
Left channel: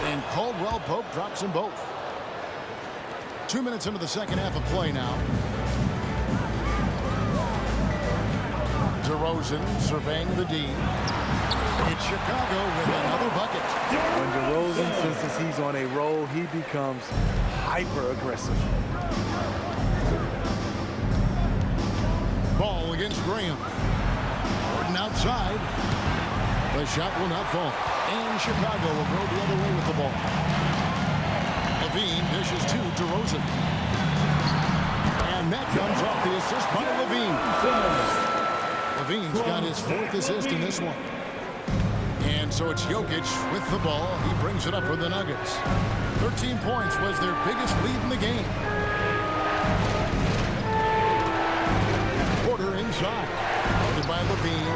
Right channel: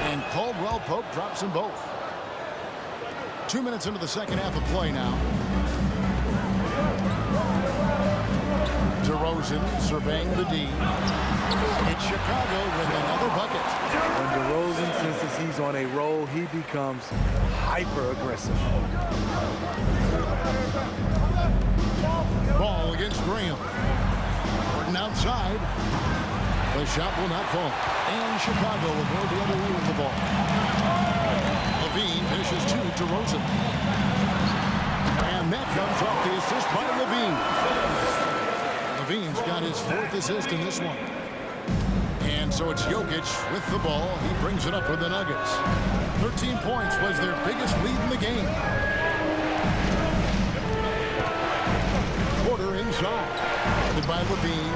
And Caldwell Pope drops them both. 2 minutes into the second half of play now. DeRozan surveying the D. It's Chicago with another bucket. When DeRozan senses he's on a roll, he becomes hyper-aggressive. Ball against Graham. Gordon outside. The shot will not fall. And Chicago will go the other way with the ball. Levine dishes to DeRozan. And that comes off the assist by Levine. Levine's got his 4th assist in this one. And so it's Jokic with the ball. He brings it up for the Nuggets. 13 points was their biggest lead in the game. Porter inside. Guarded by Levine.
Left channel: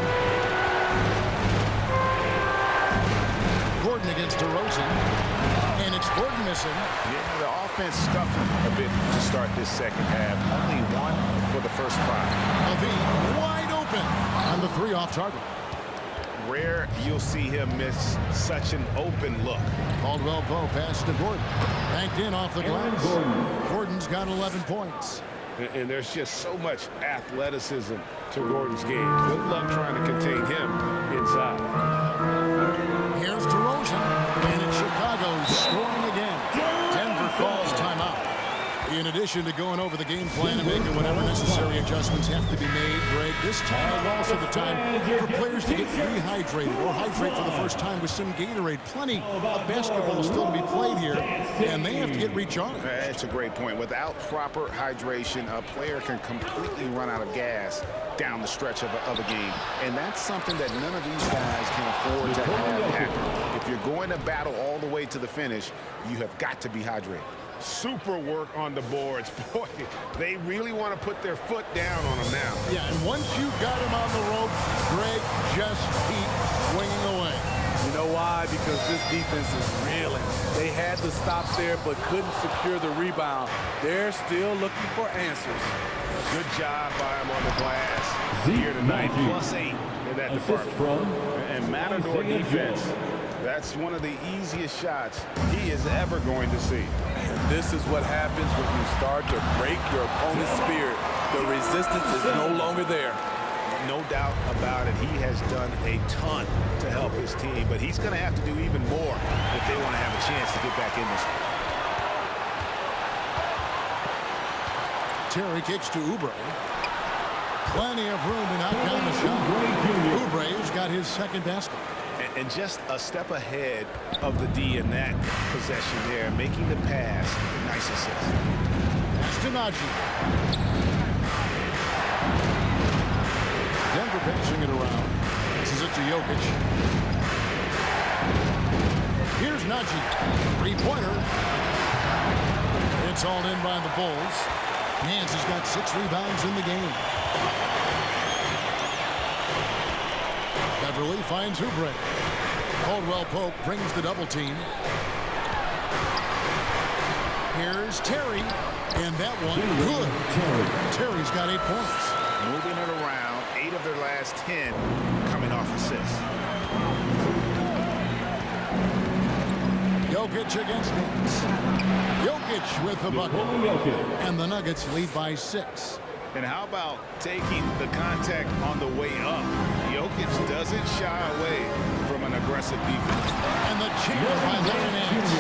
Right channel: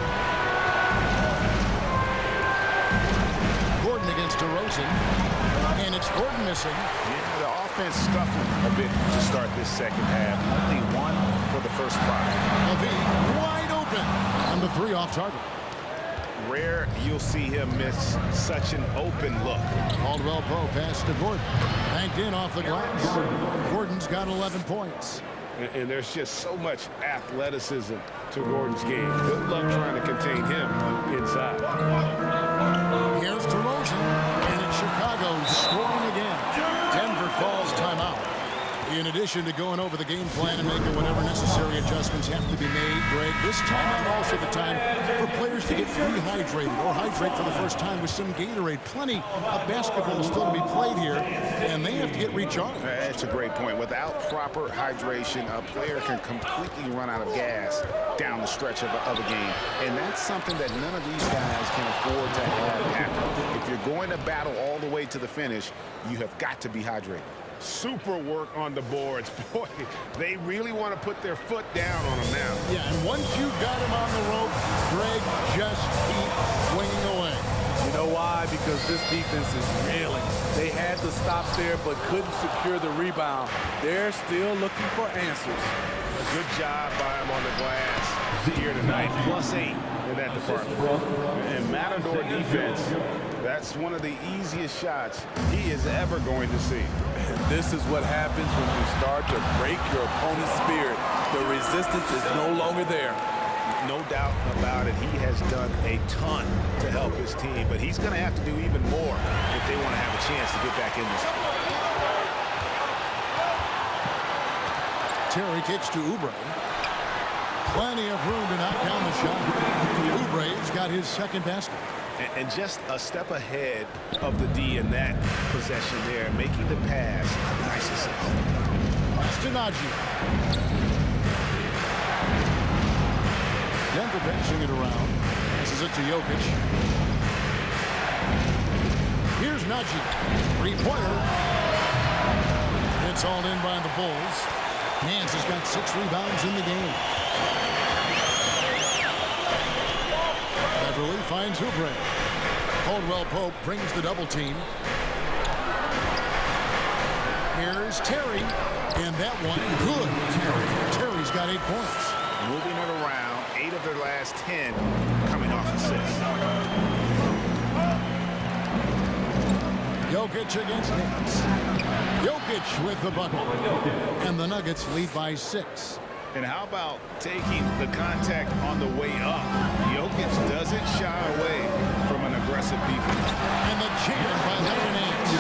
Gordon against DeRozan. And it's Gordon missing. Yeah, the offense scuffling a bit to start this second half. Only 1 for the first 5. Levine wide open on the 3 off target. rare you'll see him miss such an open look. Caldwell Pope pass to Gordon. Banked in off the glass. Gordon's got 11 points. And there's just so much athleticism to Gordon's game. Good luck trying to contain him inside. Here's DeRozan, and it's Chicago scoring again. Denver calls timeout. In addition to going over the game plan and making whatever necessary adjustments have to be made, Greg, this time is also the time for players to get rehydrated or hydrate for the first time with some Gatorade. Plenty of basketball still to be played here, and they have to get recharged. That's a great point. Without proper hydration, a player can completely run out of gas down the stretch of a game. And that's something that none of these guys can afford to have happen. If you're going to battle all the way to the finish, you have got to be hydrated. Super work on the boards. Boy, they really want to put their foot down on him now. Yeah, and once you got him on the rope, Greg, just keep swinging away. You know why? Because this defense is reeling. They had to stop there but couldn't secure the rebound. They're still looking for answers. A good job by him on the glass here tonight. +8 in that department. And Matador defense, that's one of the easiest shots he is ever going to see. And this is what happens when you start to break your opponent's spirit. The resistance is no longer there. No doubt about it. He has done a ton to help his team, but he's going to have to do even more if they want to have a chance to get back in this. Terry kicks to Oubre. Plenty of room to knock down the shot. Oubre's got his second basket. And just a step ahead of the D in that possession there, making the pass. Nice assist. Pass to Najee. Denver passing it around. Passes it to Jokic. Here's Najee. Three-pointer. It's hauled in by the Bulls. Nance has got 6 rebounds in the game. Beverly finds Oubre. Caldwell Pope brings the double team. Here's Terry. And that one, good. Terry's got 8 points. Moving it around, 8 of their last 10 coming off assists. Jokic against Nance. Jokic with the bucket. And the Nuggets lead by 6. And how about taking the contact on the way up? Jokic doesn't shy away from an aggressive defense. And the jam by Larry Nance.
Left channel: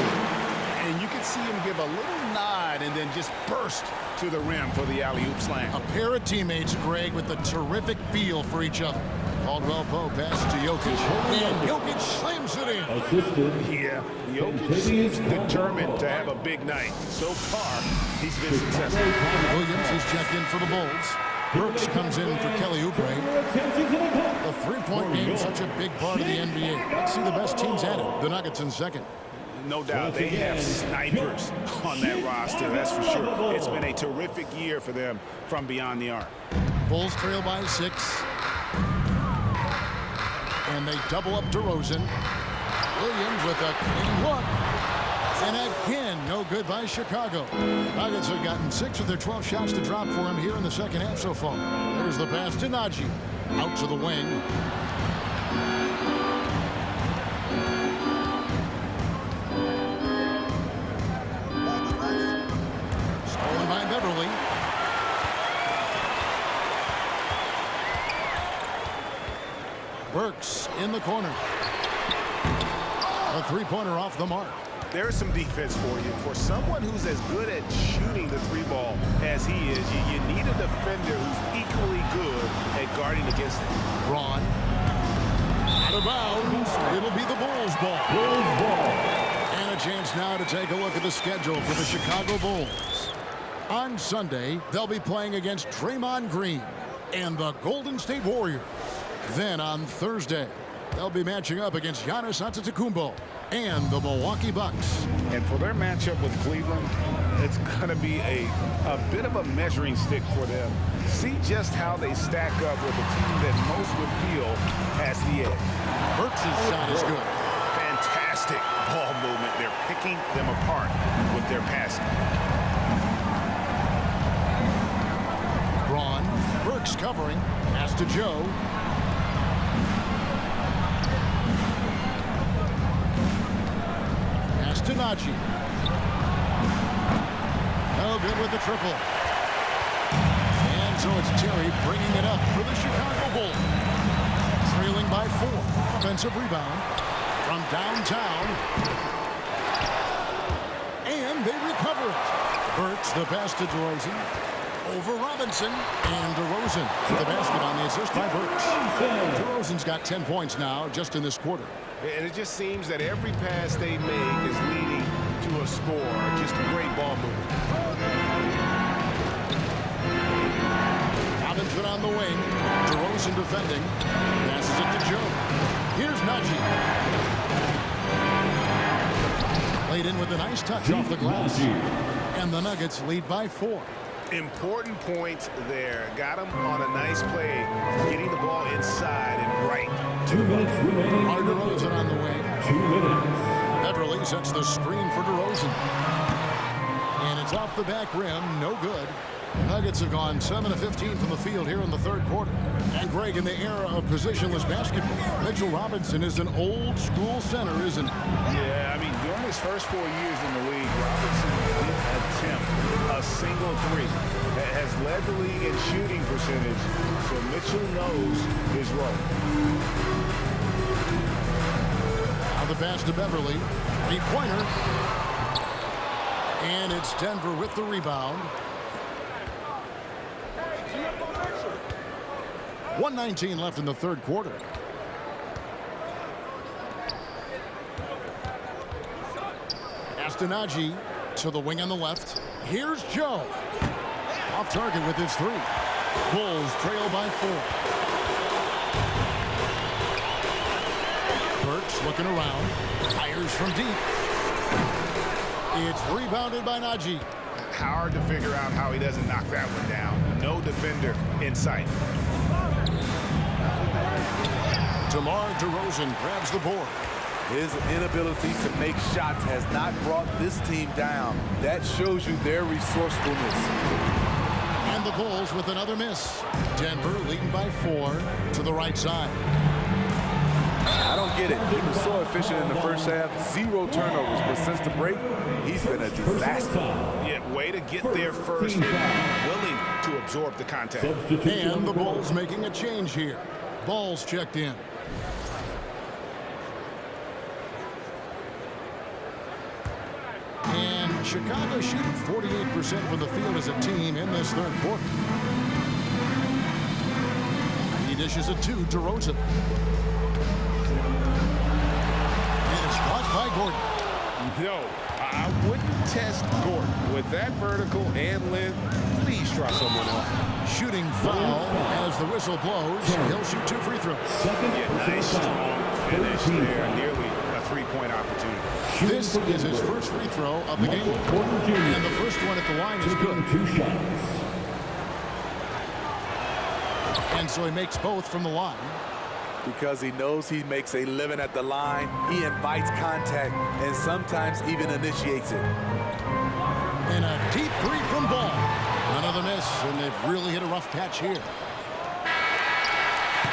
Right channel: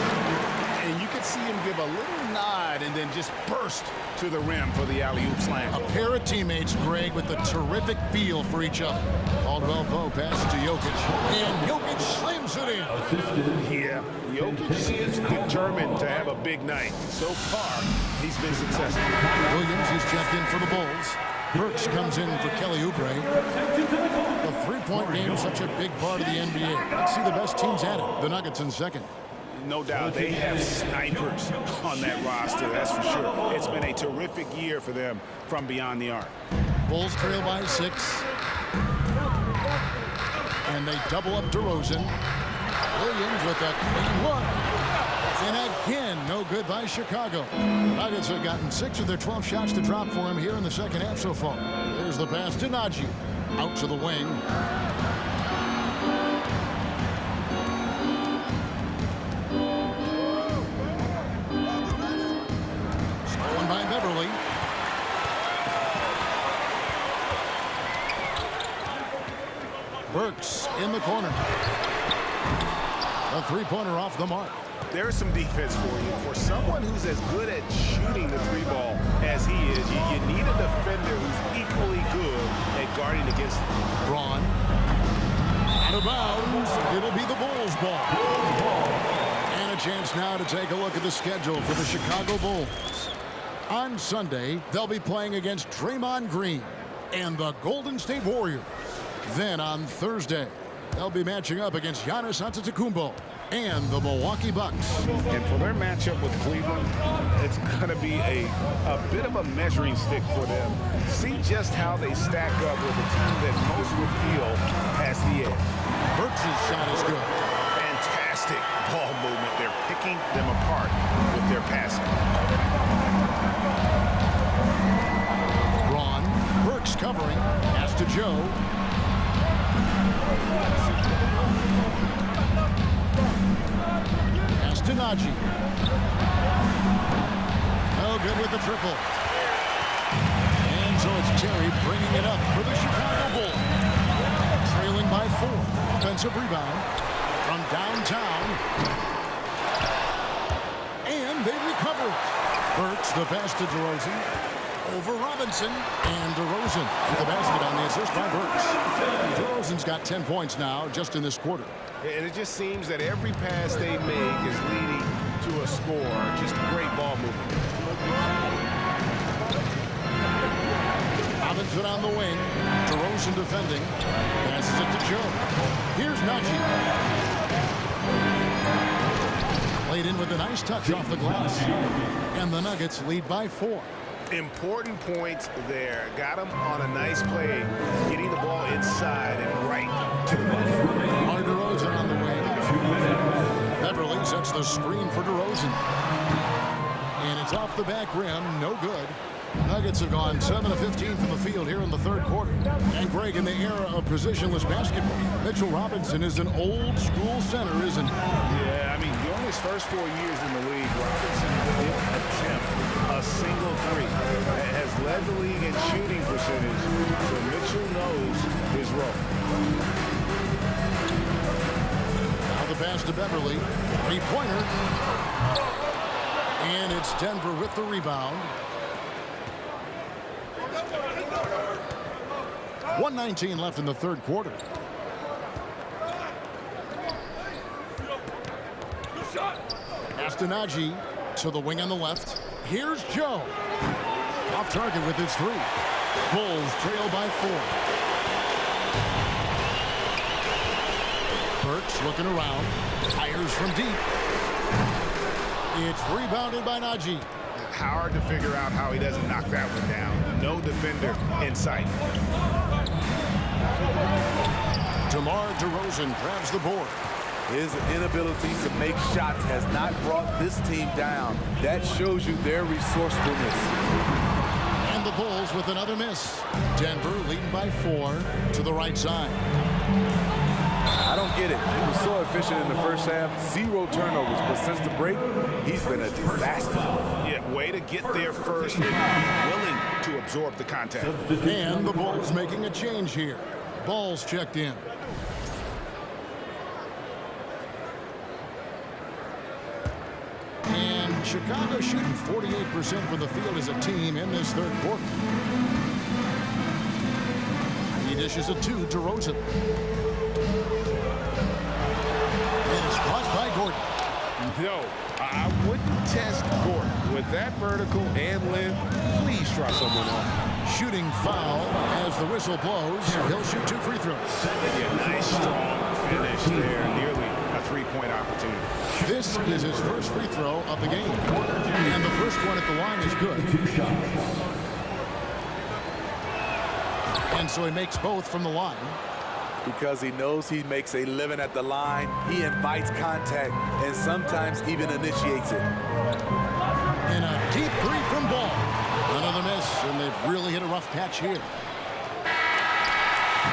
And you can see him give a little nod and then just burst to the rim for the alley-oop slam. A pair of teammates, Greg, with a terrific feel for each other. Caldwell Pope passes to Jokic. And Jokic slams it in. Yeah, Jokic seems determined to have a big night. So far, he's been successful. Williams is checked in for the Bulls. Burks comes in for Kelly Oubre. The three-point game, such a big part of the NBA. Let's see the best teams at it. The Nuggets in second. No doubt they have snipers on that roster, that's for sure. It's been a terrific year for them from beyond the arc. Bulls trail by 6. And they double up DeRozan. Williams with a clean look. And again, no good by Chicago. The Nuggets have gotten 6 of their 12 shots to drop for him here in the second half so far. There's the pass to Najee. Out to the wing. Stolen by Beverly. Burks in the corner. A three-pointer off the mark. There's some defense for you. For someone who's as good at shooting the three ball as he is, you need a defender who's equally good at guarding against it. Braun. Out of bounds. It'll be the Bulls' ball. And a chance now to take a look at the schedule for the Chicago Bulls. On Sunday, they'll be playing against Draymond Green and the Golden State Warriors. Then on Thursday, they'll be matching up against Giannis Antetokounmpo and the Milwaukee Bucks. And for their matchup with Cleveland, it's going to be a bit of a measuring stick for them. See just how they stack up with a team that most would feel has the edge. Burks' shot is good. Fantastic ball movement. They're picking them apart with their passing. Braun. Burks covering. Pass to Joe. Pass to Najee. No good with the triple. And so it's Terry bringing it up for the Chicago Bulls. Trailing by 4. Offensive rebound from downtown. And they recover it. Burks the pass to DeRozan. Over Robinson. And DeRozan to the basket on the assist by Burks. DeRozan's got 10 points now just in this quarter. And it just seems that every pass they make is leading to a score. Just great ball movement. Robinson on the wing. DeRozan defending. Passes it to Joe. Here's Najee. Played in with a nice touch off the glass. And the Nuggets lead by 4. Important points there. Got him on a nice play, getting the ball inside and right to the bucket. DeRozan on the wing. 2 minutes. Beverly sets the screen for DeRozan. And it's off the back rim. No good. Nuggets have gone 7 of 15 from the field here in the third quarter. And Greg, in the era of positionless basketball, Mitchell Robinson is an old school center, isn't he? Yeah, I mean, during his first 4 years in the league, Robinson didn't attempt a single three. Has led the league in shooting percentage, so Mitchell knows his role. Now the pass to Beverly. Three-pointer. And it's Denver with the rebound. 1:19 left in the third quarter. Pass to Najee to the wing on the left. Here's Joe. Off target with his 3. Bulls trail by 4. Burks looking around. Fires from deep. It's rebounded by Najee. Hard to figure out how he doesn't knock that one down. No defender in sight. DeMar DeRozan grabs the board. His inability to make shots has not brought this team down. That shows you their resourcefulness. And the Bulls with another miss. Denver leading by 4 to the right side. I don't get it. He was so efficient in the first half. 0 turnovers. But since the break, he's been a disaster. Yeah, way to get there first and be willing to absorb the contact. And the Bulls making a change here. Balls checked in. And Chicago shooting 48% from the field as a team in this third quarter. He dishes it to DeRozan. And it's blocked by Gordon. No, I wouldn't test Gordon. With that vertical and length, please try someone else. Shooting foul as the whistle blows. He'll shoot 2 free throws. Yeah, nice, strong finish there. Nearly a 3-point opportunity. This is his first free throw of the game. And the first one at the line is good. 2 shots. And so he makes both from the line. Because he knows he makes a living at the line, he invites contact and sometimes even initiates it. And a deep 3 from Ball. Another miss, and they've really hit a rough patch here.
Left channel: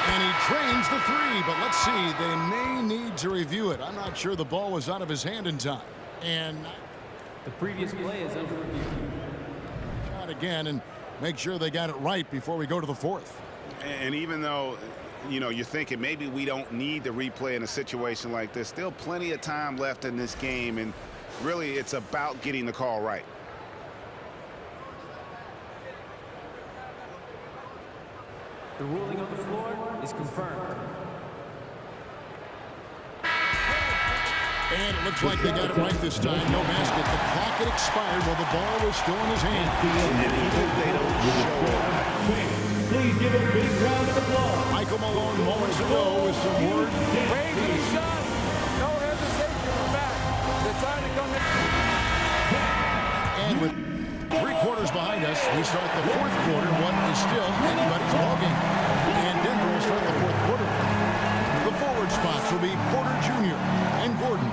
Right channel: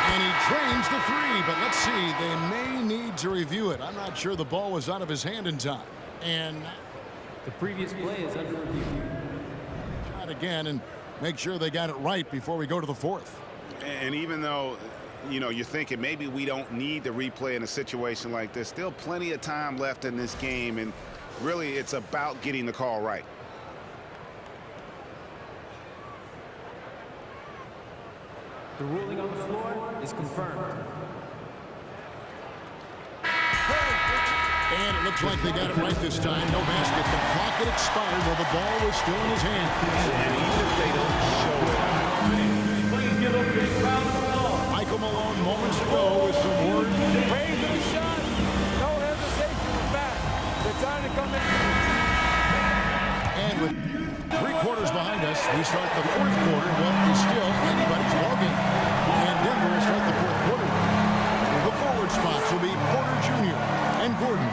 And he drains the 3, but let's see, they may need to review it. I'm not sure the ball was out of his hand in time. And the previous play is under review. Shot again and make sure they got it right before we go to the 4th. And even though, you know, you're thinking maybe we don't need the replay in a situation like this, still plenty of time left in this game, and really it's about getting the call right. The ruling on the floor is confirmed. And it looks like they got it right this time. No basket. The clock had expired while the ball was still in his hand. And even if they don't show it, Please give a big round of applause. Michael Malone moments ago with some words. Raise the shot. No hesitation. We're back. They're trying to come in. And with 3 quarters behind us, we start the 4th quarter. What is still anybody's ballgame. And Denver will start the 4th quarter. The forward spots will be Porter Jr. and Gordon.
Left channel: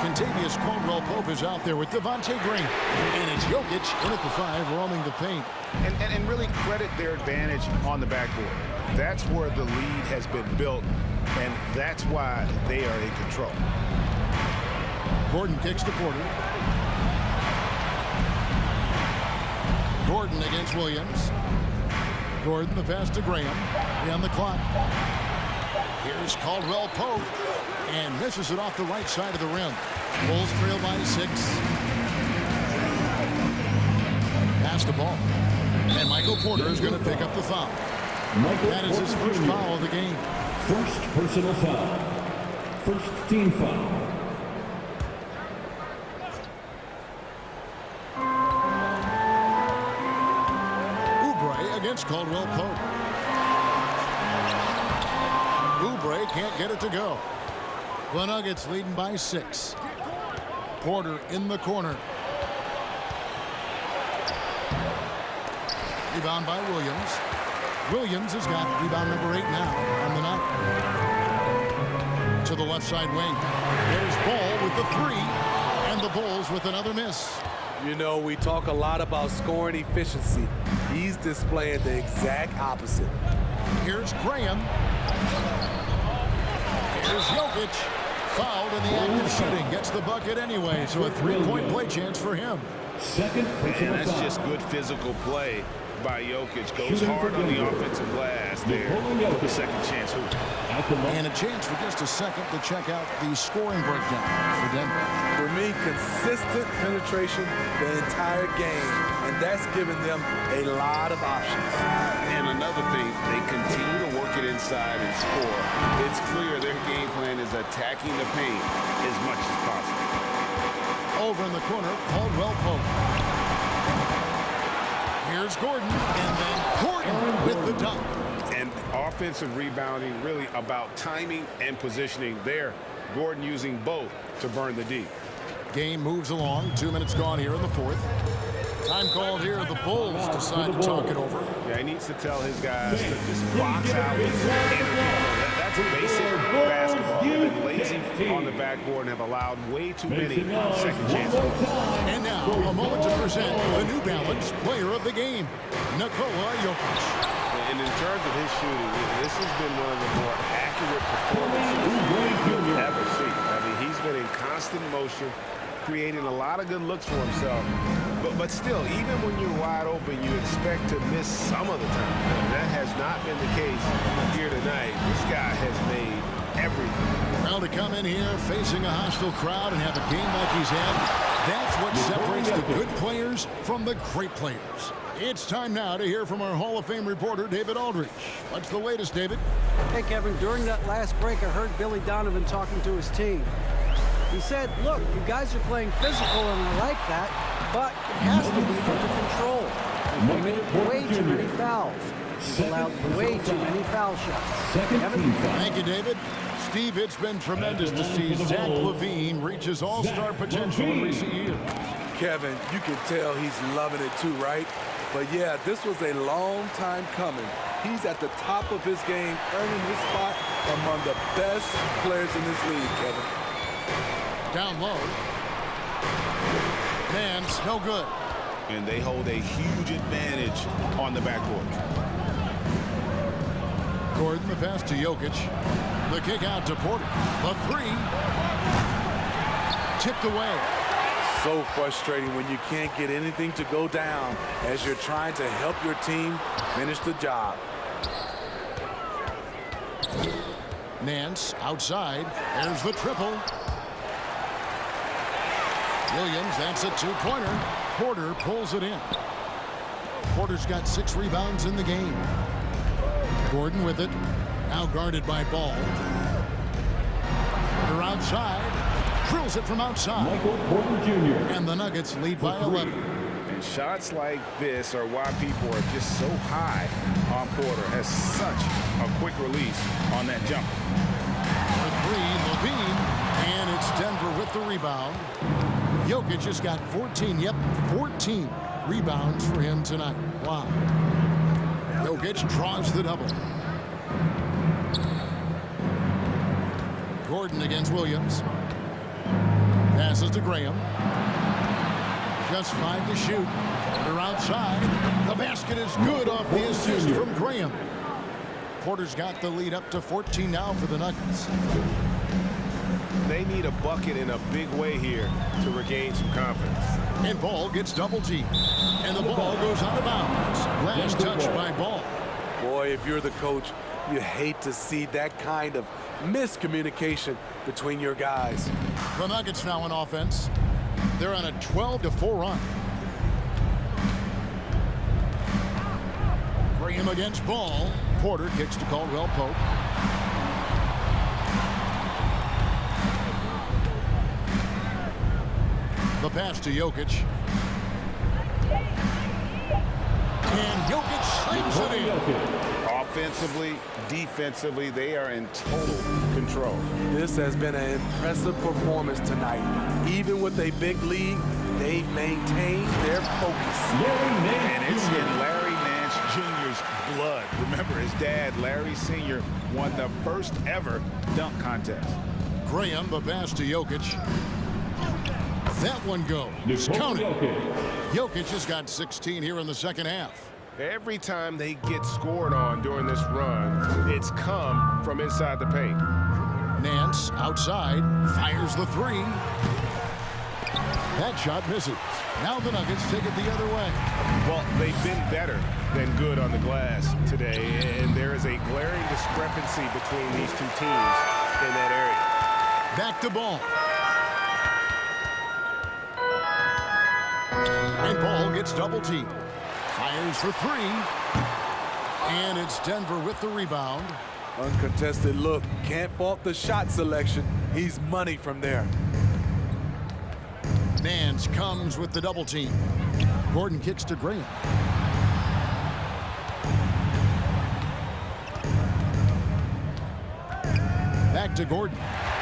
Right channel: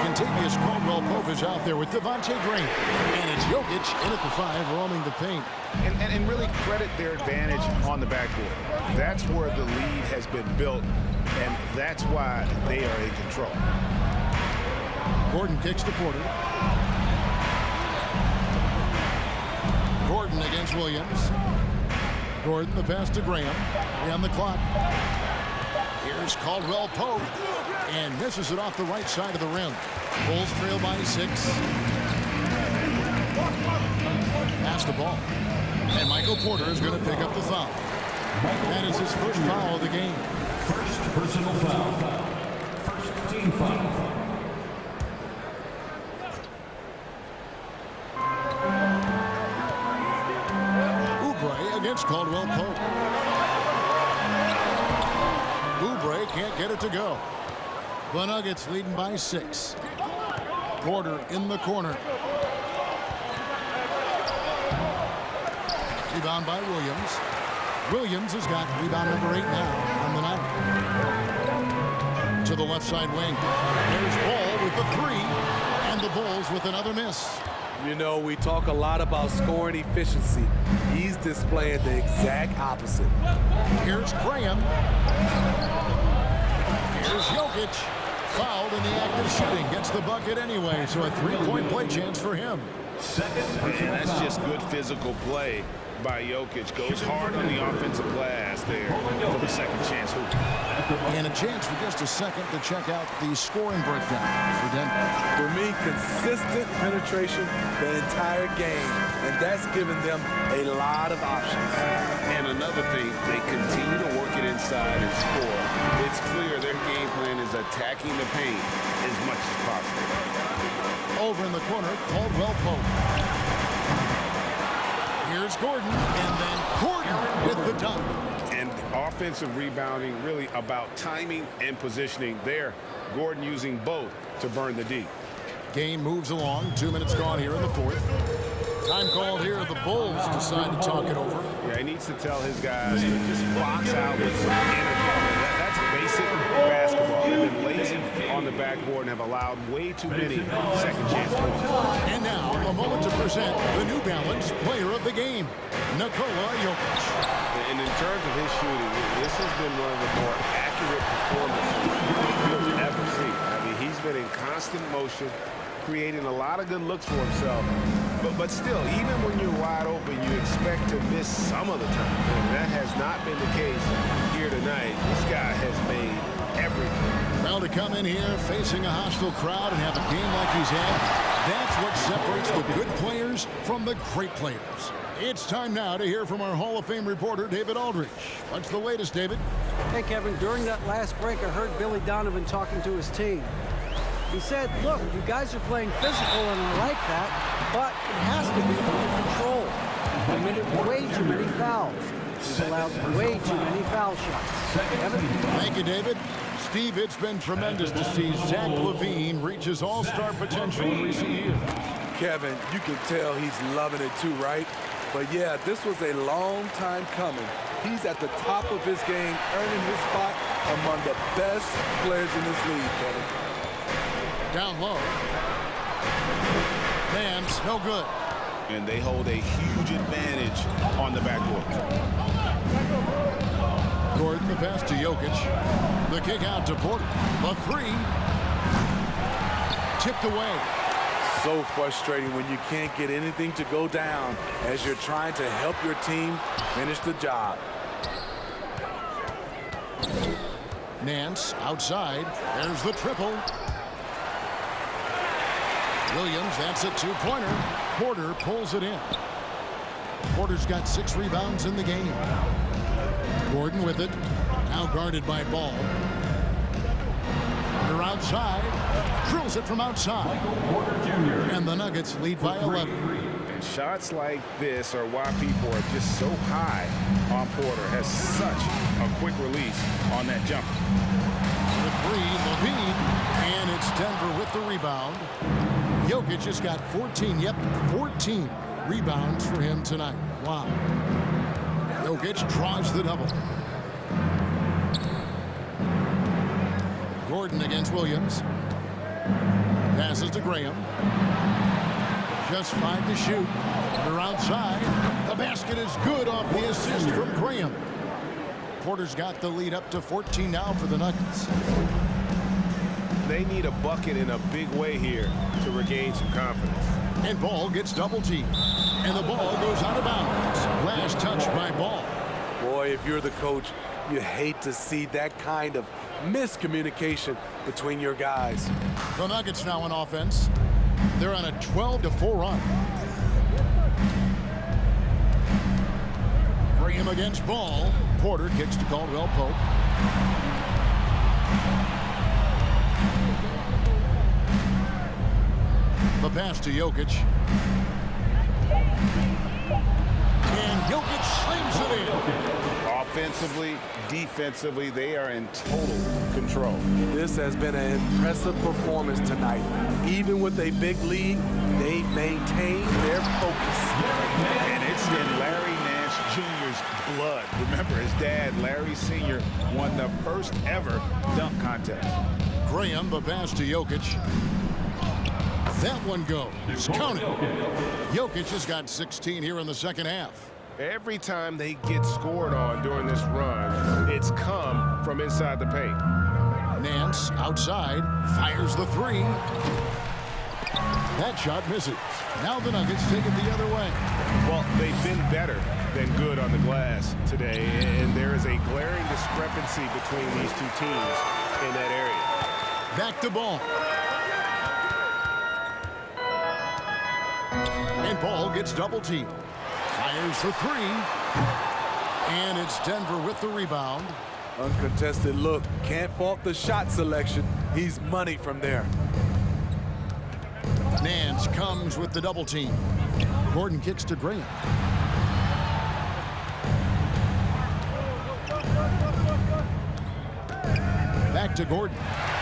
Contavious Caldwell-Pope is out there with Devontae Green. And it's Jokic in at the 5, roaming the paint. and really credit their advantage on the backboard. That's where the lead has been built, and that's why they are in control. Gordon kicks to Porter. Gordon against Williams. Gordon, the pass to Graham. 3 on the clock. Here's Caldwell Pope, and misses it off the right side of the rim. Bulls trail by 6. Pass the ball. And Michael Porter is going to pick up the foul. That is his first foul of the game. First personal foul. First team foul. Oubre against Caldwell Pope. Oubre can't get it to go. The Nuggets leading by 6. Porter in the corner. Rebound by Williams. Williams has got rebound number 8 now on the night. To the left side wing. There's Ball with the 3, and the Bulls with another miss. You know, we talk a lot about scoring efficiency. He's displaying the exact opposite. Here's Graham. Here's Jokic. Fouled in the act of shooting. Gets the bucket anyway, so a 3-point play chance for him. And that's just good physical play by Jokic. Goes hard on the offensive glass there for the second chance hoop. And a chance for just a second to check out the scoring breakdown for Denver. For me, consistent penetration the entire game, and that's given them a lot of options. And another thing, they continue to work it inside and score. It's clear their game plan is attacking the paint as much as possible. Over in the corner, Caldwell Pope. Here's Gordon, and then Gordon with the dunk. And offensive rebounding really about timing and positioning there. Gordon using both to burn the D. Game moves along. 2 minutes gone here in the 4th. Time called here. The Bulls decide to talk it over. Yeah, he needs to tell his guys to just box out with some energy. That's basic basketball. They've been lazy on the backboard and have allowed way too many second chance points. And now, a moment to present the New Balance Player of the Game, Nikola Jokic. And in terms of his shooting, this has been one of the more accurate performances you'll ever see. I mean, he's been in constant motion, creating a lot of good looks for himself. But still, even when you're wide open, you expect to miss some of the time. And that has not been the case here tonight. This guy has made everything. Well, to come in here facing a hostile crowd and have a game like he's had, that's what separates the good players from the great players. It's time now to hear from our Hall of Fame reporter, David Aldridge. What's the latest, David? Hey, Kevin, during that last break, I heard Billy Donovan talking to his team. He said, look, you guys are playing physical, and I like that, but it has to be under control. We've committed way too many fouls. We've allowed way too many foul shots. Kevin? Thank you, David. Steve, it's been tremendous to see Zach LaVine reach his all-star potential in recent years. Kevin, you can tell he's loving it too, right? But yeah, this was a long time coming. He's at the top of his game, earning his spot among the best players in this league, Kevin. Down low. Nance, no good. And they hold a huge advantage on the backboard. Gordon, the pass to Jokic. The kick out to Porter. The 3. Tipped away. So frustrating when you can't get anything to go down as you're trying to help your team finish the job. Nance outside. There's the triple. Williams, that's a 2-pointer. Porter pulls it in. Porter's got 6 rebounds in the game. Gordon with it. Now guarded by Ball. Porter outside. Drills it from outside. Michael Porter Jr. And the Nuggets lead by 11. And shots like this are why people are just so high on Porter. Has such a quick release on that jumper. For 3, LaVine. And it's Denver with the rebound. Jokic has got 14 rebounds for him tonight. Wow. Jokic draws the double. Gordon against Williams. Passes to Graham. Just 5 to shoot. Porter outside. The basket is good off the assist from Graham. Porter's got the lead up to 14 now for the Nuggets. They need a bucket in a big way here to regain some confidence. And Ball gets double teamed. And the ball goes out of bounds. Last touch by Ball. Boy, if you're the coach, you hate to see that kind of miscommunication between your guys. The Nuggets now in offense. They're on a 12-4 run. Graham against Ball. Porter kicks to Caldwell Pope. The pass to Jokic. And Jokic slams it in. Offensively, defensively, they are in total control. This has been an impressive performance tonight. Even with a big lead, they've maintained their focus. And it's in Larry Nance Jr.'s blood. Remember, his dad, Larry Sr., won the first ever dunk contest. Graham, the pass to Jokic. That one goes. Count it. Jokic has got 16 here in the second half. Every time they get scored on during this run, it's come from inside the paint. Nance outside, fires the three. That shot misses. Now the Nuggets take it the other way. Well, they've been better than good on the glass today, and there is a glaring discrepancy between these two teams in that area. Back to Ball. And Ball gets double teamed. Fires for three. And it's Denver with the rebound. Uncontested look. Can't fault the shot selection. He's money from there. Nance comes with the double team. Gordon kicks to Graham. Back to Gordon.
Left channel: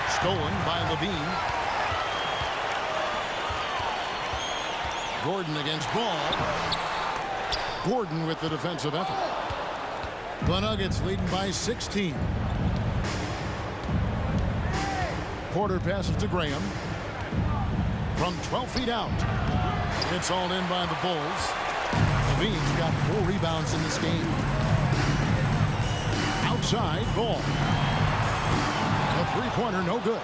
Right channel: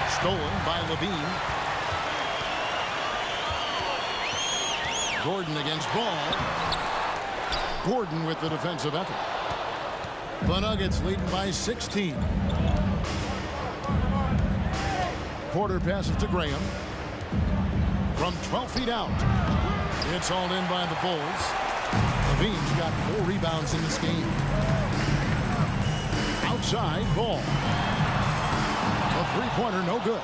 Stolen by Levine. Gordon against Ball. Gordon with the defensive effort. The Nuggets leading by 16. Porter passes to Graham. From 12 feet out. It's all in by the Bulls. Levine's got 4 rebounds in this game. Outside, Ball. The three-pointer, no good.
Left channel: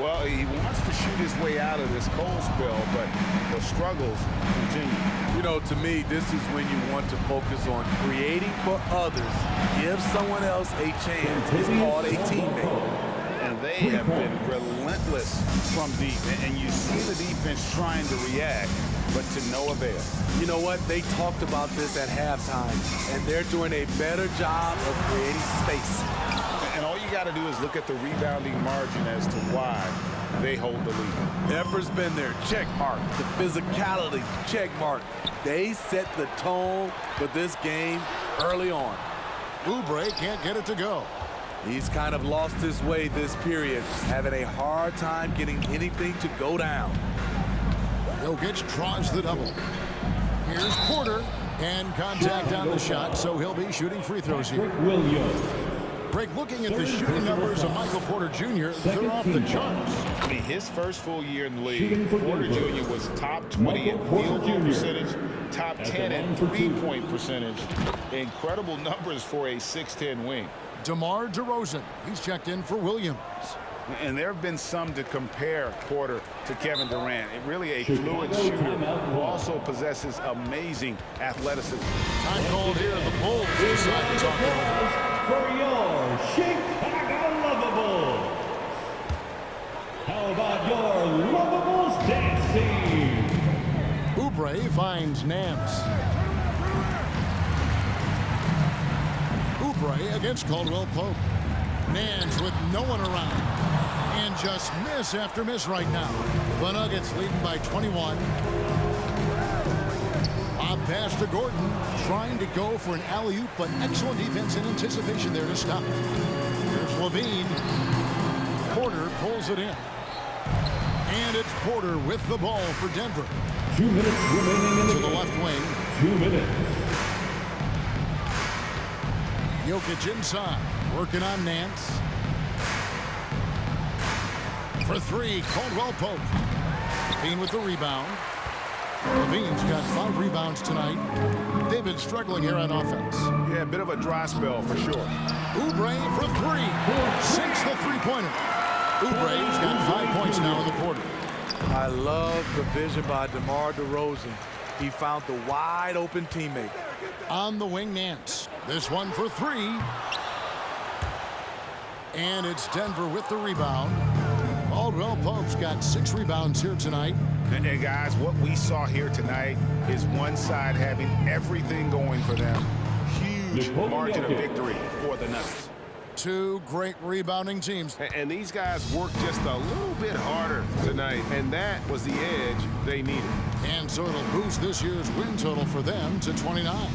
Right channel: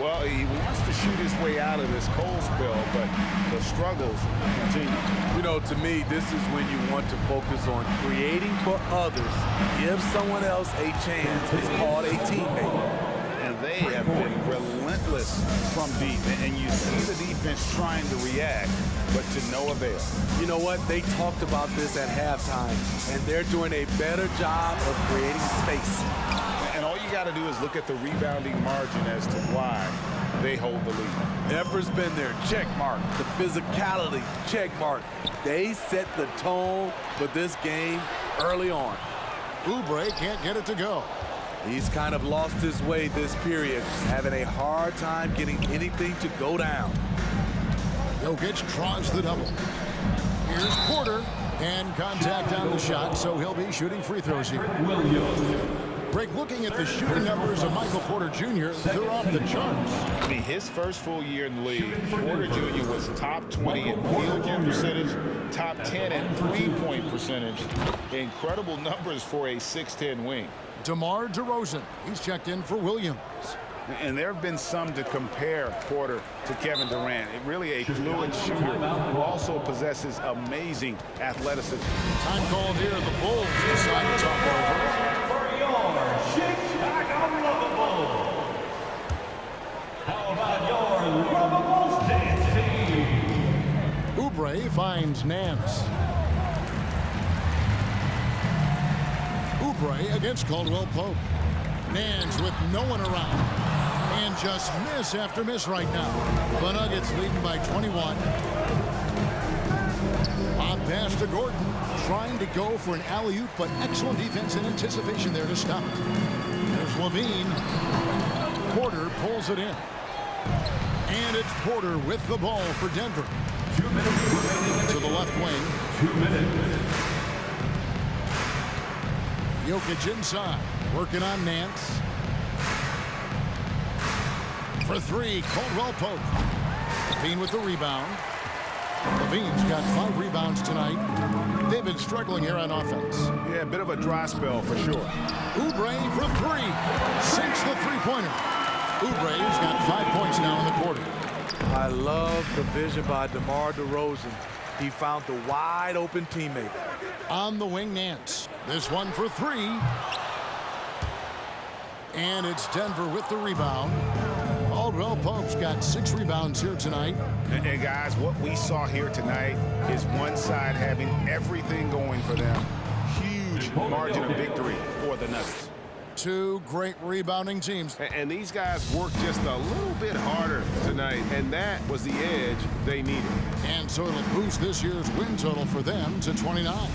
Well, he wants to shoot his way out of this cold spell, but the struggles continue. You know, to me, this is when you want to focus on creating for others. Give someone else a chance. It's called a teammate. And they have been relentless from deep. And you see the defense trying to react, but to no avail. You know what? They talked about this at halftime, and they're doing a better job of creating space. And all you got to do is look at the rebounding margin as to why they hold the lead. Effort's been there, check mark. The physicality, check mark. They set the tone for this game early on. Oubre can't get it to go. He's kind of lost his way this period, having a hard time getting anything to go down. Jokic tries the double. Here's Porter, and contact on the shot, so he'll be shooting free throws here. Greg, looking at the shooting numbers of Michael Porter Jr., they're off the charts. I mean, his first full year in the league, Porter Jr. was top 20 in field goal percentage, top 10 in three-point percentage. Incredible numbers for a 6'10" wing. DeMar DeRozan, he's checked in for Williams. And there have been some to compare Porter to Kevin Durant. Really a fluid shooter who also possesses amazing athleticism. Time called here. The Bulls decide to talk over. For your Chicago Lovables. How about your Lovables dance team? Oubre finds Nance. Oubre against Caldwell Pope. Nance with no one around. And just miss after miss right now. The Nuggets leading by 21. Bob pass to Gordon, trying to go for an alley-oop, but excellent defense and anticipation there to stop it. There's Levine. Porter pulls it in. And it's Porter with the ball for Denver. 2 minutes remaining in the to the left wing. 2 minutes. Jokic inside, working on Nance. For three, Caldwell Pope. Bean with the rebound. Levine's got 5 rebounds tonight. They've been struggling here on offense. Yeah, a bit of a dry spell for sure. Oubre for 3. Sinks the three-pointer. Oubre's got 5 points now in the quarter. I love the vision by DeMar DeRozan. He found the wide-open teammate. On the wing, Nance. This one for 3. And it's Denver with the rebound. Caldwell Pope's got 6 rebounds here tonight. And guys, what we saw here tonight is one side having everything going for them. Huge margin of victory for the Nuggets. 2 great rebounding teams. And these guys worked just a little bit harder tonight, and that was the edge they needed. And so it'll boost this year's win total for them to 29.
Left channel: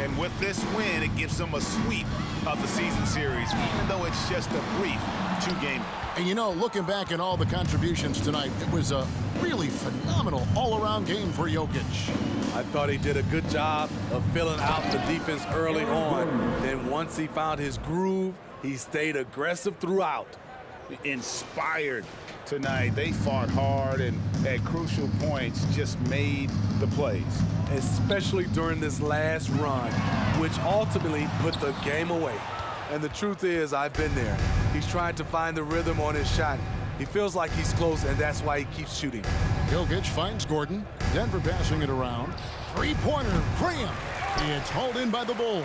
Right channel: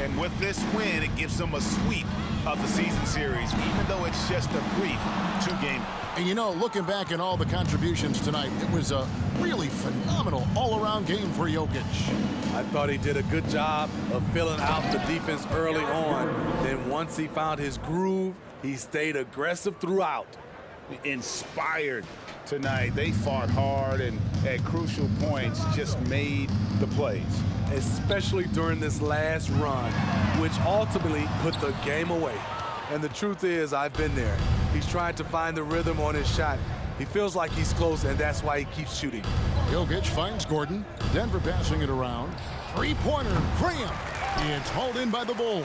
And with this win, it gives them a sweep of the season series, even though it's just a brief 2-game. And you know, looking back at all the contributions tonight, it was a really phenomenal all-around game for Jokic. I thought he did a good job of filling out the defense early on. Then once he found his groove, he stayed aggressive throughout. Inspired tonight. They fought hard and at crucial points just made the plays. Especially during this last run, which ultimately put the game away. And the truth is, I've been there. He's trying to find the rhythm on his shot. He feels like he's close, and that's why he keeps shooting. Jokic finds Gordon. Denver passing it around. 3-pointer, Graham. It's hauled in by the Bull.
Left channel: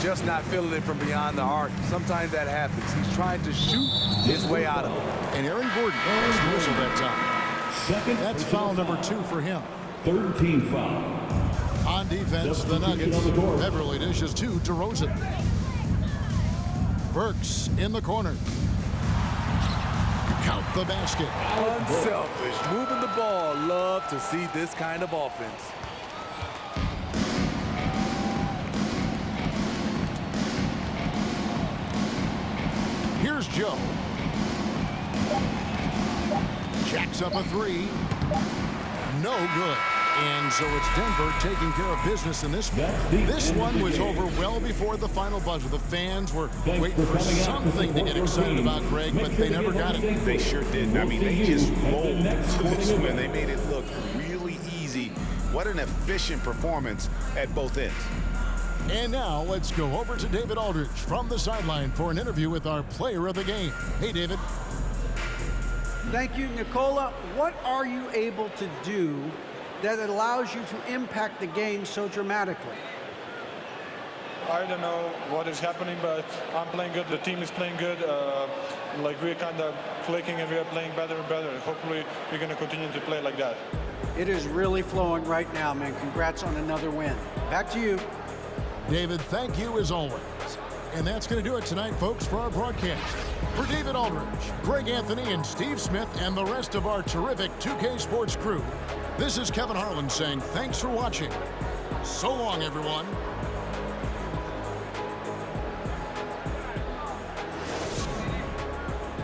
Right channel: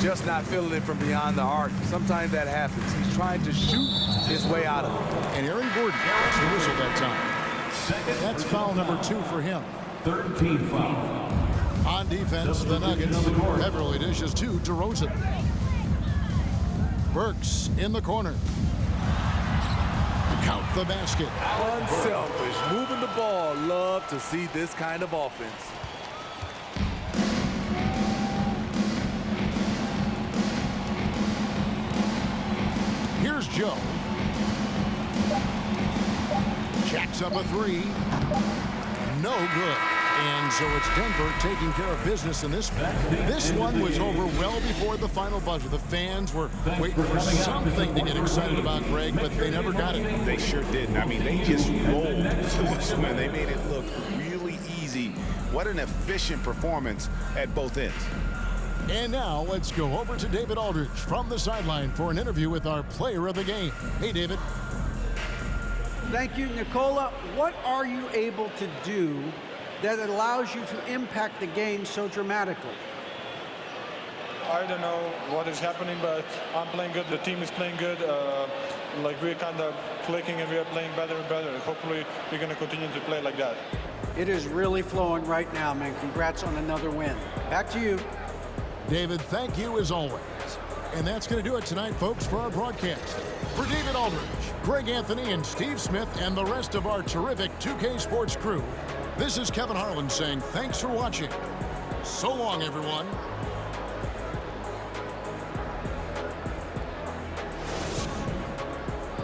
Just not feeling it from beyond the arc. Sometimes that happens. He's trying to shoot his way out of it. And Aaron Gordon gets the whistle that time. That's foul number 2 for him. 3rd team foul. On defense, the Nuggets. Beverly dishes to DeRozan. Burks in the corner. Count the basket. Unselfish, moving the ball. Love to see this kind of offense. Here's Joe. Jacks up a 3. No good. And so it's Denver taking care of business in this one. This one was over well before the final buzzer. The fans were waiting for something to get excited about, Greg, but they never got it. They sure didn't. I mean, they just rolled to this win. They made it look really easy. What an efficient performance at both ends. And now let's go over to David Aldridge from the sideline for an interview with our player of the game. Hey, David. Thank you, Nikola. What are you able to do that allows you to impact the game so dramatically? I don't know what is happening, but I'm playing good. The team is playing good. Like we're kind of clicking and we're playing better and better. Hopefully we're going to continue to play like that. It is really flowing right now, man. Congrats on another win. Back to you. David, thank you as always. And that's going to do it tonight, folks, for our broadcast. For David Aldridge, Greg Anthony, and Steve Smith, and the rest of our terrific 2K Sports crew, this is Kevin Harlan saying thanks for watching. So long, everyone.